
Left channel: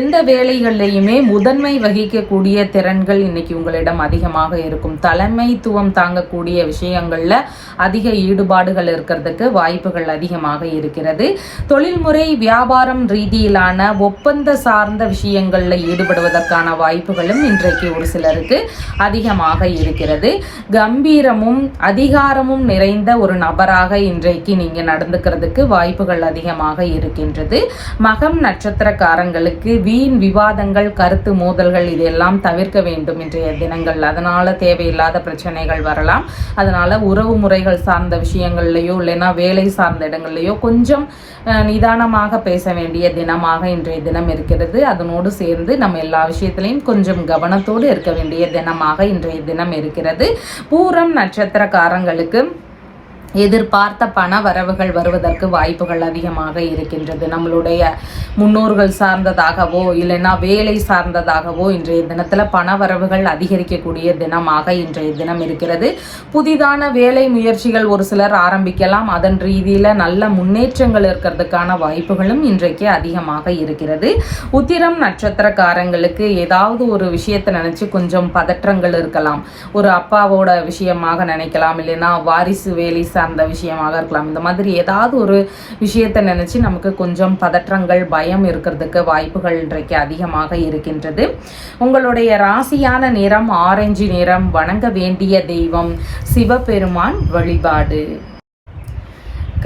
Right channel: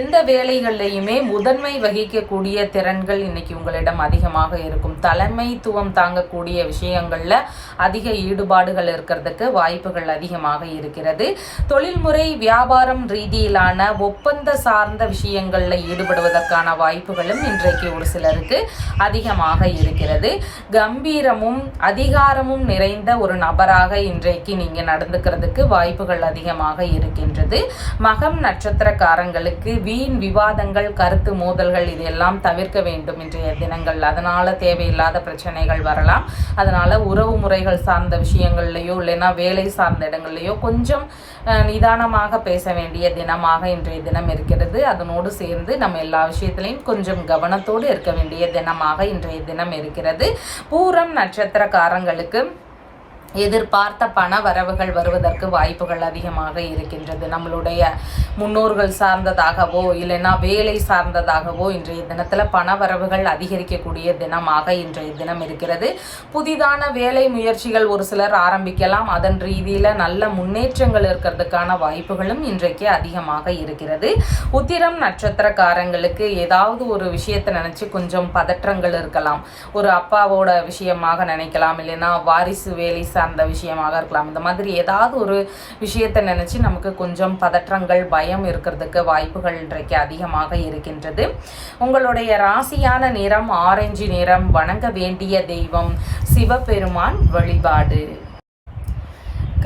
எந்த வேலைகள்லையுமே முதன்மை வகிக்கக்கூடிய திறன்கள் இன்னைக்கு உங்களிடம் அதிகமாக இருக்கும். தலைமைத்துவம் தாங்கக்கூடிய விஷயங்கள்ல அதிக ஈடுபாடுகள் இருக்கிறதுக்கு வாய்ப்புகள் அதிகமாக இருக்கிறது. தொழில்முறை வியாபாரம் ரீதியிலான ஒப்பந்த சார்ந்த விஷயங்கள்ல ஈடுபடுவதற்கான வாய்ப்புகளும் இன்றைக்கு ஒரு சிலருக்கு அதிகமாக இருக்கிறது. கம்பீரமும் அதிகாரமும் நிறைந்த ஒரு நபராக இன்றைக்கு நீங்க நடந்துக்கிறதுக்கு வாய்ப்புகள் அதிகமாக இருக்கின்றது. மகம் நட்சத்திரக்காரங்களுக்கு வீண் விவாதங்கள், கருத்து மோதல்கள் இதெல்லாம் தவிர்க்க வேண்டும் இன்றைய தினங்கள். அதனால தேவையில்லாத பிரச்சனைகள் வரலாம். அதனால உறவு முறைகள் சார்ந்த விஷயங்கள்லையோ இல்லைன்னா வேலை சார்ந்த இடங்கள்லையோ கொஞ்சம் நிதானமாக நிதானமாக பேச வேண்டிய தினமாக இன்றைய தினம் இருக்கிறது. அதனோடு சேர்ந்து நம்ம எல்லா விஷயத்திலையும் கொஞ்சம் கவனத்தோடு இருக்க வேண்டிய தினமாக இன்றைய தினம் இருக்கிறது. பூரம் நட்சத்திரக்காரங்களுக்கு எதிர்பார்த்த பண வரவுகள் வருவதற்கு வாய்ப்புகள் அதிகமாக இருக்கின்றது. நம்மளுடைய முன்னோர்கள் சார்ந்ததாகவோ இல்லைன்னா வேலை சார்ந்ததாகவோ இன்றைய தினத்தில் பண வரவுகள் அதிகரிக்கக்கூடிய தினமாக இன்றைய தினம் இருக்கிறது. புதிதான வேலை முயற்சிகள் ஒரு சிலர் ஆரம்பிக்கலாம். அதன் ரீதியில் நல்ல முன்னேற்றங்கள் இருக்கிறதுக்கான வாய்ப்புகளும் இன்றைக்கு அதிகமாக இருக்கிறது. உத்திரம் நட்சத்திரக்காரங்களுக்கு ஏதாவது ஒரு விஷயத்தை நினைச்சு கொஞ்சம் பதற்றங்கள் இருக்கலாம். ஒரு அப்பாவோட விஷயமாக நினைக்கலாம், இல்லைன்னா வாரிசு வேலை சார்ந்த விஷயமாக இருக்கலாம். இந்த மாதிரி ஏதாவது ஒரு விஷயத்தை நினைச்சு நமக்கு கொஞ்சம் பதற்றங்கள் பயம் இருக்கிறதுக்கு வாய்ப்புகள் இன்றைக்கு அதிகமாக இருக்கின்றது. உங்களுடைய ராசியான நிறம் ஆரஞ்சு நிறம். வணங்க வேண்டிய தெய்வம் சிவபெருமான் வழிபாடு.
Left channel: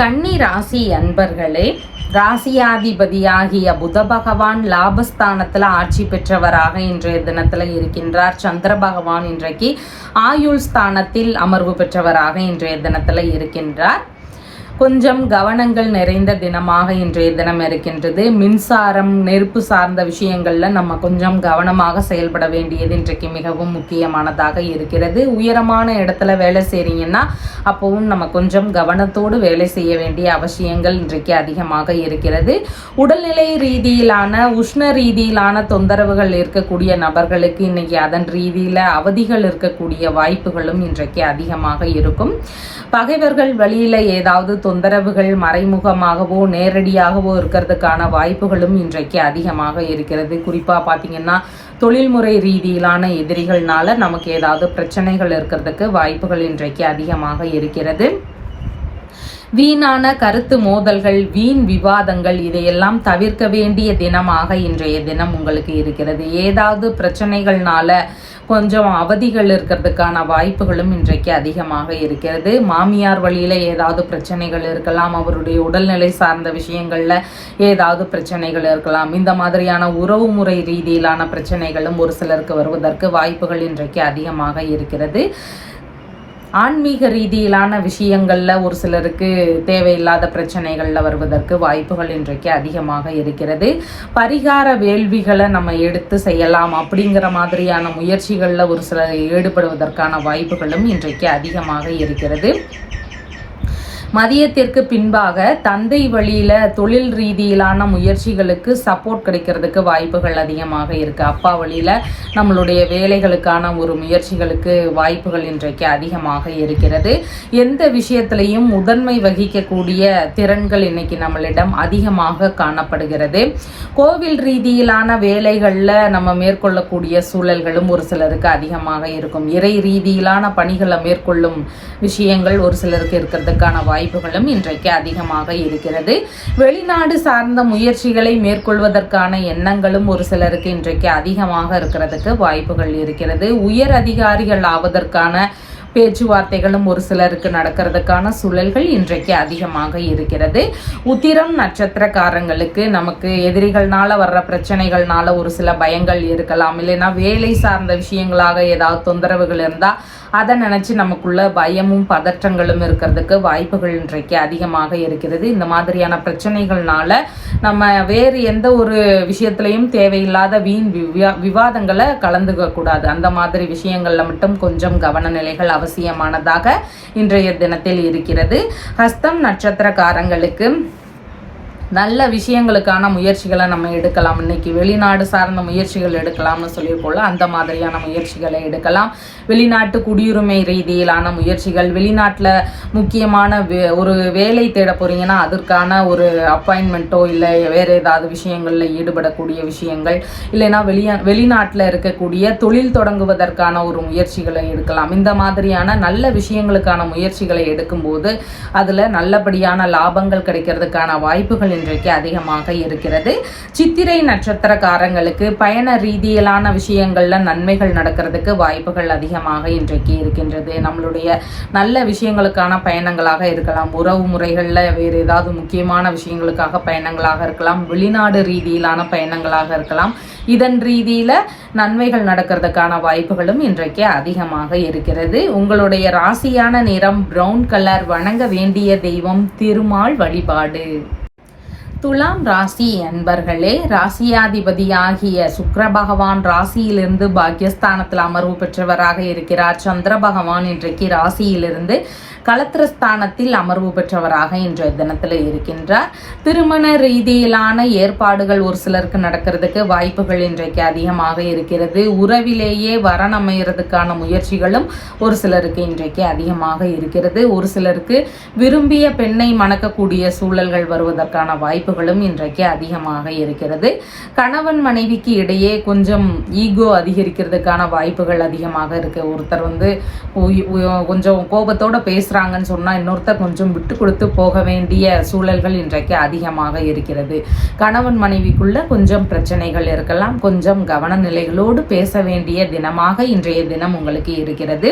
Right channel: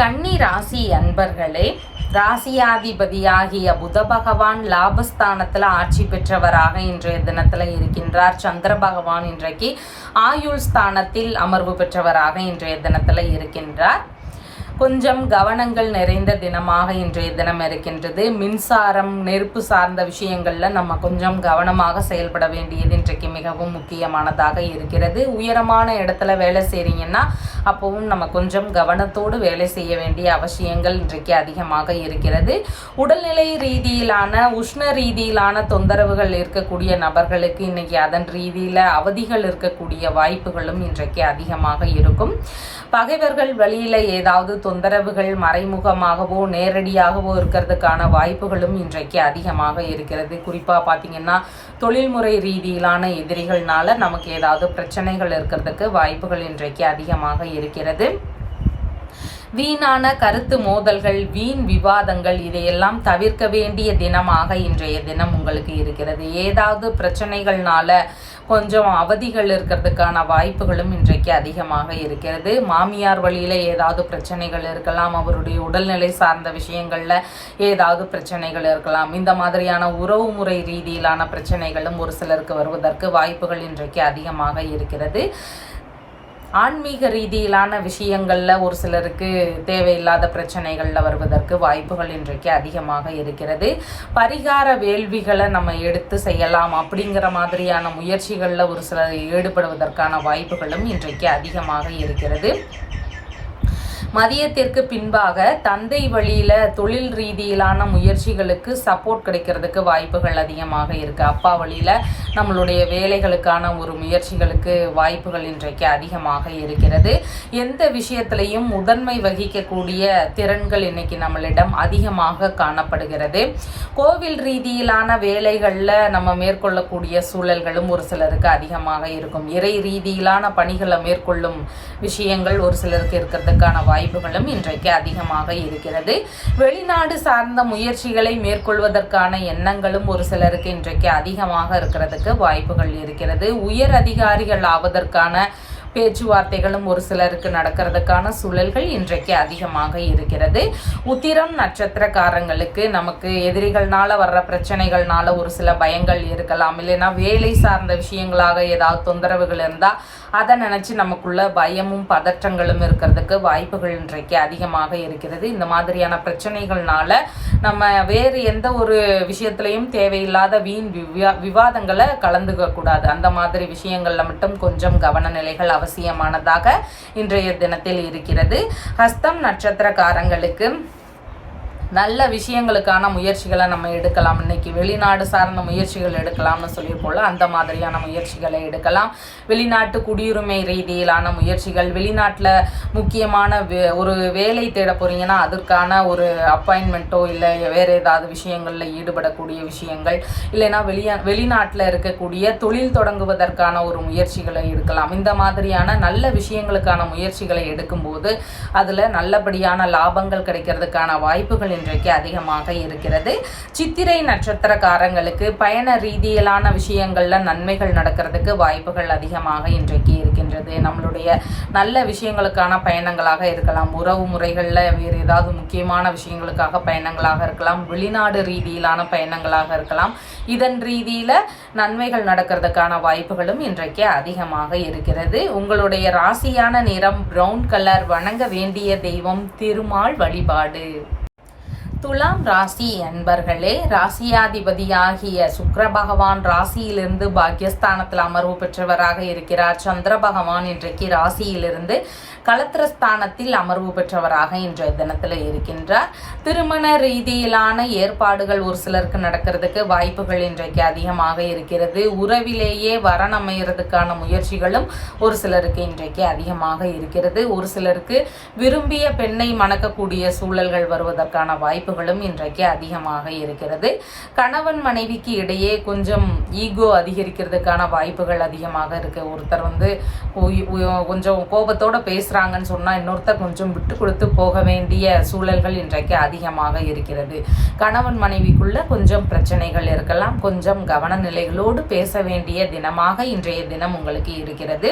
கன்னி ராசி அன்பர்களே, ராசியாதிபதியாகிய புத பகவான் லாபஸ்தானத்தில் ஆட்சி பெற்றவராக இன்றைய தினத்தில் இருக்கின்றார். சந்திர பகவான் இன்றைக்கு ஆயுள் ஸ்தானத்தில் அமர்வு பெற்றவராக இன்றைய தினத்தில் இருக்கின்றார். கொஞ்சம் கவனங்கள் நிறைந்த தினமாக இன்றைய தினம் இருக்கின்றது. மின்சாரம் நெருப்பு சார்ந்த விஷயங்களில் நம்ம கொஞ்சம் கவனமாக செயல்பட வேண்டியது இன்றைக்கு மிகவும் முக்கியமானதாக இருக்கிறது. உயரமான இடத்துல வேலை செய்கிறீங்கன்னா அப்போவும் நம்ம கொஞ்சம் கவனத்தோடு வேலை செய்ய வேண்டிய அவசியங்கள் இன்றைக்கு அதிகமாக இருக்கிறது. உடல்நிலை ரீதியிலான உஷ்ண ரீதியிலான தொந்தரவுகள் இருக்கக்கூடிய நபர்களுக்கு இன்னைக்கு அதன் ரீதியில் அவதிகள் இருக்கக்கூடிய வாய்ப்புகளும் இன்றைக்கு அதிகமாக இருக்கும். பகைவர்கள் வழியில் ஏதாவது தொந்தரவுகள் மறைமுகமாகவோ நேரடியாகவோ இருக்கிறதுக்கான வாய்ப்புகளும் இன்றைக்கு அதிகமாக இருக்கிறது. குறிப்பாக பார்த்தீங்கன்னா தொழில்முறை ரீதியிலான எதிரிகள்னால நமக்கு ஏதாவது பிரச்சனைகள் இருக்கிறதுக்கு வாய்ப்புகள் இன்றைக்கு அதிகமாக இருக்கிறது. வீணான கருத்து மோதல்கள், வீண் விவாதங்கள் இதையெல்லாம் தவிர்க்க வேண்டிய தினமாக இன்றைய தினம் உங்களுக்கு இருக்கிறது. ஏதாவது பிரச்சனைகள்னால கொஞ்சம் அவதிகள் இருக்கிறதுக்கான வாய்ப்புகளும் இன்றைக்கு அதிகமாக இருக்கிறது. மாமியார் வழியில் ஏதாவது பிரச்சனைகள் இருக்கலாம், அவருடைய உடல்நிலை சார்ந்த விஷயங்களில் ஏதாவது பிரச்சனைகள் இருக்கலாம். இந்த மாதிரியான உறவு முறை ரீதியிலான பிரச்சனைகளும் ஒரு சிலருக்கு வருவதற்கு வாய்ப்புகள் இன்றைக்கு அதிகமாக இருக்கிறது. ஆன்மீக ரீதியிலான விஷயங்களில் ஒரு சிலருக்கு தேவையில்லாத பிரச்சனைகளில் வருவதற்கு வாய்ப்புகள் இன்றைக்கு அதிகமாக இருக்கிறது. பரிகார வேள்விகளை நம்ம எடுத்து செய்யலாம் அப்படிங்கிற மாதிரியான முயற்சிகளில் ஒரு சிலர் ஈடுபடுவதற்கான வாய்ப்புகளும் இன்றைக்கு அதிகமாக இருக்கிறது. மதியத்திற்கு பின்பாக தந்தை வழியில் தொழில் ரீதியிலான முயற்சிகளுக்கு சப்போர்ட் கிடைக்கிறதுக்கு வாய்ப்புகள் அதிகமாக இருக்குது. அப்பா வழியில் நம்மளுடைய வேலைகளுக்கான ஒரு முயற்சிகளுக்கு வாய்ப்புகள் இன்றைக்கு அதிகமாக இருக்கிறது. எந்த விஷயத்திலையும் முதன்மை வகிக்கக்கூடிய திறன்கள் இன்னைக்கு நம்மளிடம் அதிகமாக காணப்படுகிறது. கோவில் ரீதியிலான வேலைகளில் நம்ம மேற்கொள்ளக்கூடிய சூழல்களும் ஒரு சிலருக்கு அதிகமாக இருக்கும். இறை ரீதியிலான பணிகளை மேற்கொள்ளும் விஷயங்கள் ஒரு சிலருக்கு இருக்கிறதுக்கான வாய்ப்புகளும் இன்றைக்கு அதிகமாக இருக்கிறது. வெளிநாடு சார்ந்த முயற்சிகளை மேற்கொள்வதற்கான எண்ணங்களும் ஒரு சிலருக்கு இன்றைக்கு அதிகமாக இருக்கிறதுக்கு வாய்ப்புகள் இருக்கிறது. உயர் அதிகாரிகள் ஆவதற்கான பேச்சுவார்த்தைகளும் ஒரு சிலருக்கு நடக்கிறதுக்கான சூழல்கள் இன்றைக்கு அதிகமாக இருக்கிறது. உத்திரம் நட்சத்திரக்காரங்களுக்கு நமக்கு எதிரிகள்னால வர்ற பிரச்சனைகள்னால ஒரு சில பயங்கள் இருக்கலாம், இல்லைன்னா வேலை சார்ந்த விஷயங்களாக ஏதாவது தொந்தரவுகள் இருந்தால் அதை நினச்சி நமக்குள்ள பயமும் பதற்றங்களும் இருக்கிறதுக்கு வாய்ப்புகள் இன்றைக்கு அதிகமாக இருக்கிறது. இந்த மாதிரியான பிரச்சனைகள்னால நம்ம வேறு எந்த ஒரு விஷயத்திலையும் தேவையில்லாத வீண் விவாதங்களை கலந்துக்க கூடாது. அந்த மாதிரி விஷயங்கள்ல மட்டும் கொஞ்சம் கவன நிலைகள் அவசியமானதாக இன்றைய தினத்தில் இருக்கிறது. ஹஸ்தம் நட்சத்திரக்காரங்களுக்கு நல்ல விஷயங்களுக்கான முயற்சிகளை நம்ம எடுக்கலாம். இன்னைக்கு வெளிநாடு சார்ந்த முயற்சிகள் எடுக்கலாம்னு சொல்லியிருக்கோம்ல, அந்த மாதிரியான முயற்சிகளை எடுக்கலாம். வெளிநாட்டு குடியுரிமை ரீதியிலான முயற்சிகள், வெளிநாட்டில் முக்கியமான ஒரு வேலை தேட போறீங்கன்னா அதற்கான ஒரு அப்பாயின்மெண்ட்டோ இல்லை வேறு ஏதாவது விஷயங்களில் ஈடுபடக்கூடிய விஷயங்கள், இல்லைன்னா வெளிநாட்டில் இருக்கக்கூடிய தொழில் தொடங்குவதற்கான ஒரு முயற்சிகளை எடுக்கலாம். இந்த மாதிரியான நல்ல விஷயங்களுக்கான முயற்சிகளை எடுக்கும்போது அதில் நல்லபடியான லாபங்கள் கிடைக்கிறதுக்கான வாய்ப்புகள் இன்றைக்கு அதிகமாக இருக்கிறது. சித்திரை நட்சத்திரக்காரங்களுக்கு பயண ரீதியிலான விஷயங்கள்ல நன்மைகள் நடக்கிறதுக்கு வாய்ப்புகள் அதிகமாக இன்றைக்கு இருக்கின்றது. நம்மளுடைய நல்ல விஷயங்களுக்கான பயணங்களாக இருக்கலாம், உறவு முறைகளில் வேறு ஏதாவது முக்கியமான விஷயங்களுக்காக பயணங்களாக இருக்கலாம், வெளிநாடு ரீதியிலான பயணங்களாக இருக்கலாம். இதன் ரீதியில நன்மைகள் நடக்கிறதுக்கான வாய்ப்புகளும் இன்றைக்கு அதிகமாக இருக்கிறது. உங்களுடைய ராசியான நிறம் பிரவுன் கலர். வணங்க வேண்டிய தெய்வம் திருமால் வழிபாடு. துலாம் ராசி அன்பர்களே, ராசியாதிபதியாகிய சுக்கிர பகவான் ராசியிலிருந்து பாக்கியஸ்தானத்தில் அமர்வு பெற்றவராக இருக்கிறார். சந்திர பகவான் இன்றைக்கு ராசியிலிருந்து களத்திரஸ்தானத்தில் அமர்வு பெற்றவராக இன்றைய தினத்தில் இருக்கின்றார். திருமண ரீதியிலான ஏற்பாடுகள் ஒரு சிலருக்கு நடக்கிறதுக்கு வாய்ப்புகள் இன்றைக்கு அதிகமாக இருக்கிறது. உறவிலேயே வரன் அமைகிறதுக்கான முயற்சிகளும் ஒரு சிலருக்கு இன்றைக்கு அதிகமாக இருக்கிறது. ஒரு சிலருக்கு விரும்பிய பெண்ணை மணக்கக்கூடிய சூழல்கள் வருவதற்கான வாய்ப்புகளும் இன்றைக்கு அதிகமாக இருக்கிறது. கணவன் மனைவிக்கு இடையே கொஞ்சம் ஈகோ அதிகரிக்கிறதுக்கான வாய்ப்புகள் அதிகமாக இருக்கு. ஒருத்தர் கொஞ்சம் கோபத்தோட பேசுறாங்கன்னு சொன்னா இன்னொருத்தர் கொஞ்சம் விட்டு கொடுத்து போக வேண்டிய சூழல்கள் இன்றைக்கு அதிகமாக இருக்கிறது. கணவன் மனைவிக்குள்ள கொஞ்சம் பிரச்சனைகள் இருக்கலாம். கொஞ்சம் கவன நிலைகளோடு பேச வேண்டிய தினமாக இன்றைய தினம் உங்களுக்கு இருக்கிறது.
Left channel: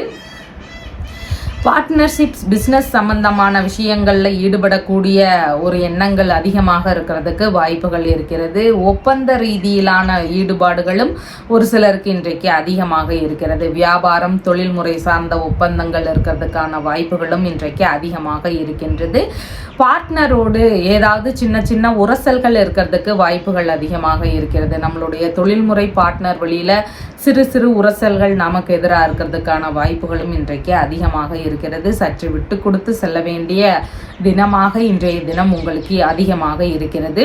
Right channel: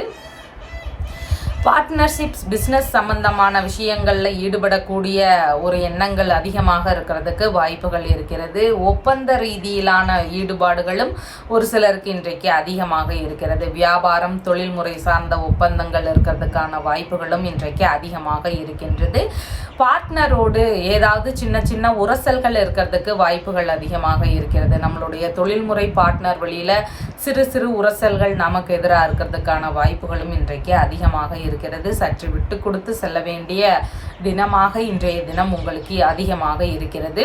பார்ட்னர்ஷிப்ஸ் பிஸ்னஸ் சம்பந்தமான விஷயங்களில் ஈடுபடக்கூடிய ஒரு எண்ணங்கள் அதிகமாக இருக்கிறதுக்கு வாய்ப்புகள் இருக்கிறது. ஒப்பந்த ரீதியிலான ஈடுபாடுகளும் ஒரு சிலருக்கு இன்றைக்கு அதிகமாக இருக்கிறது. வியாபாரம் தொழில்முறை சார்ந்த ஒப்பந்தங்கள் இருக்கிறதுக்கான வாய்ப்புகளும் இன்றைக்கு அதிகமாக இருக்கின்றது. பார்ட்னரோடு ஏதாவது சின்ன சின்ன உரசல்கள் இருக்கிறதுக்கு வாய்ப்புகள் அதிகமாக இருக்கிறது. நம்மளுடைய தொழில்முறை பார்ட்னர் வழியில சிறு சிறு உரசல்கள் நமக்கு எதிராக இருக்கிறதுக்கான வாய்ப்புகளும் இன்றைக்கு அதிகமாக இருக்கிறது. சற்று விட்டு கொடுத்து செல்ல வேண்டிய தினமாக இன்றைய தினம் உங்களுக்கு அதிகமாக இருக்கிறது.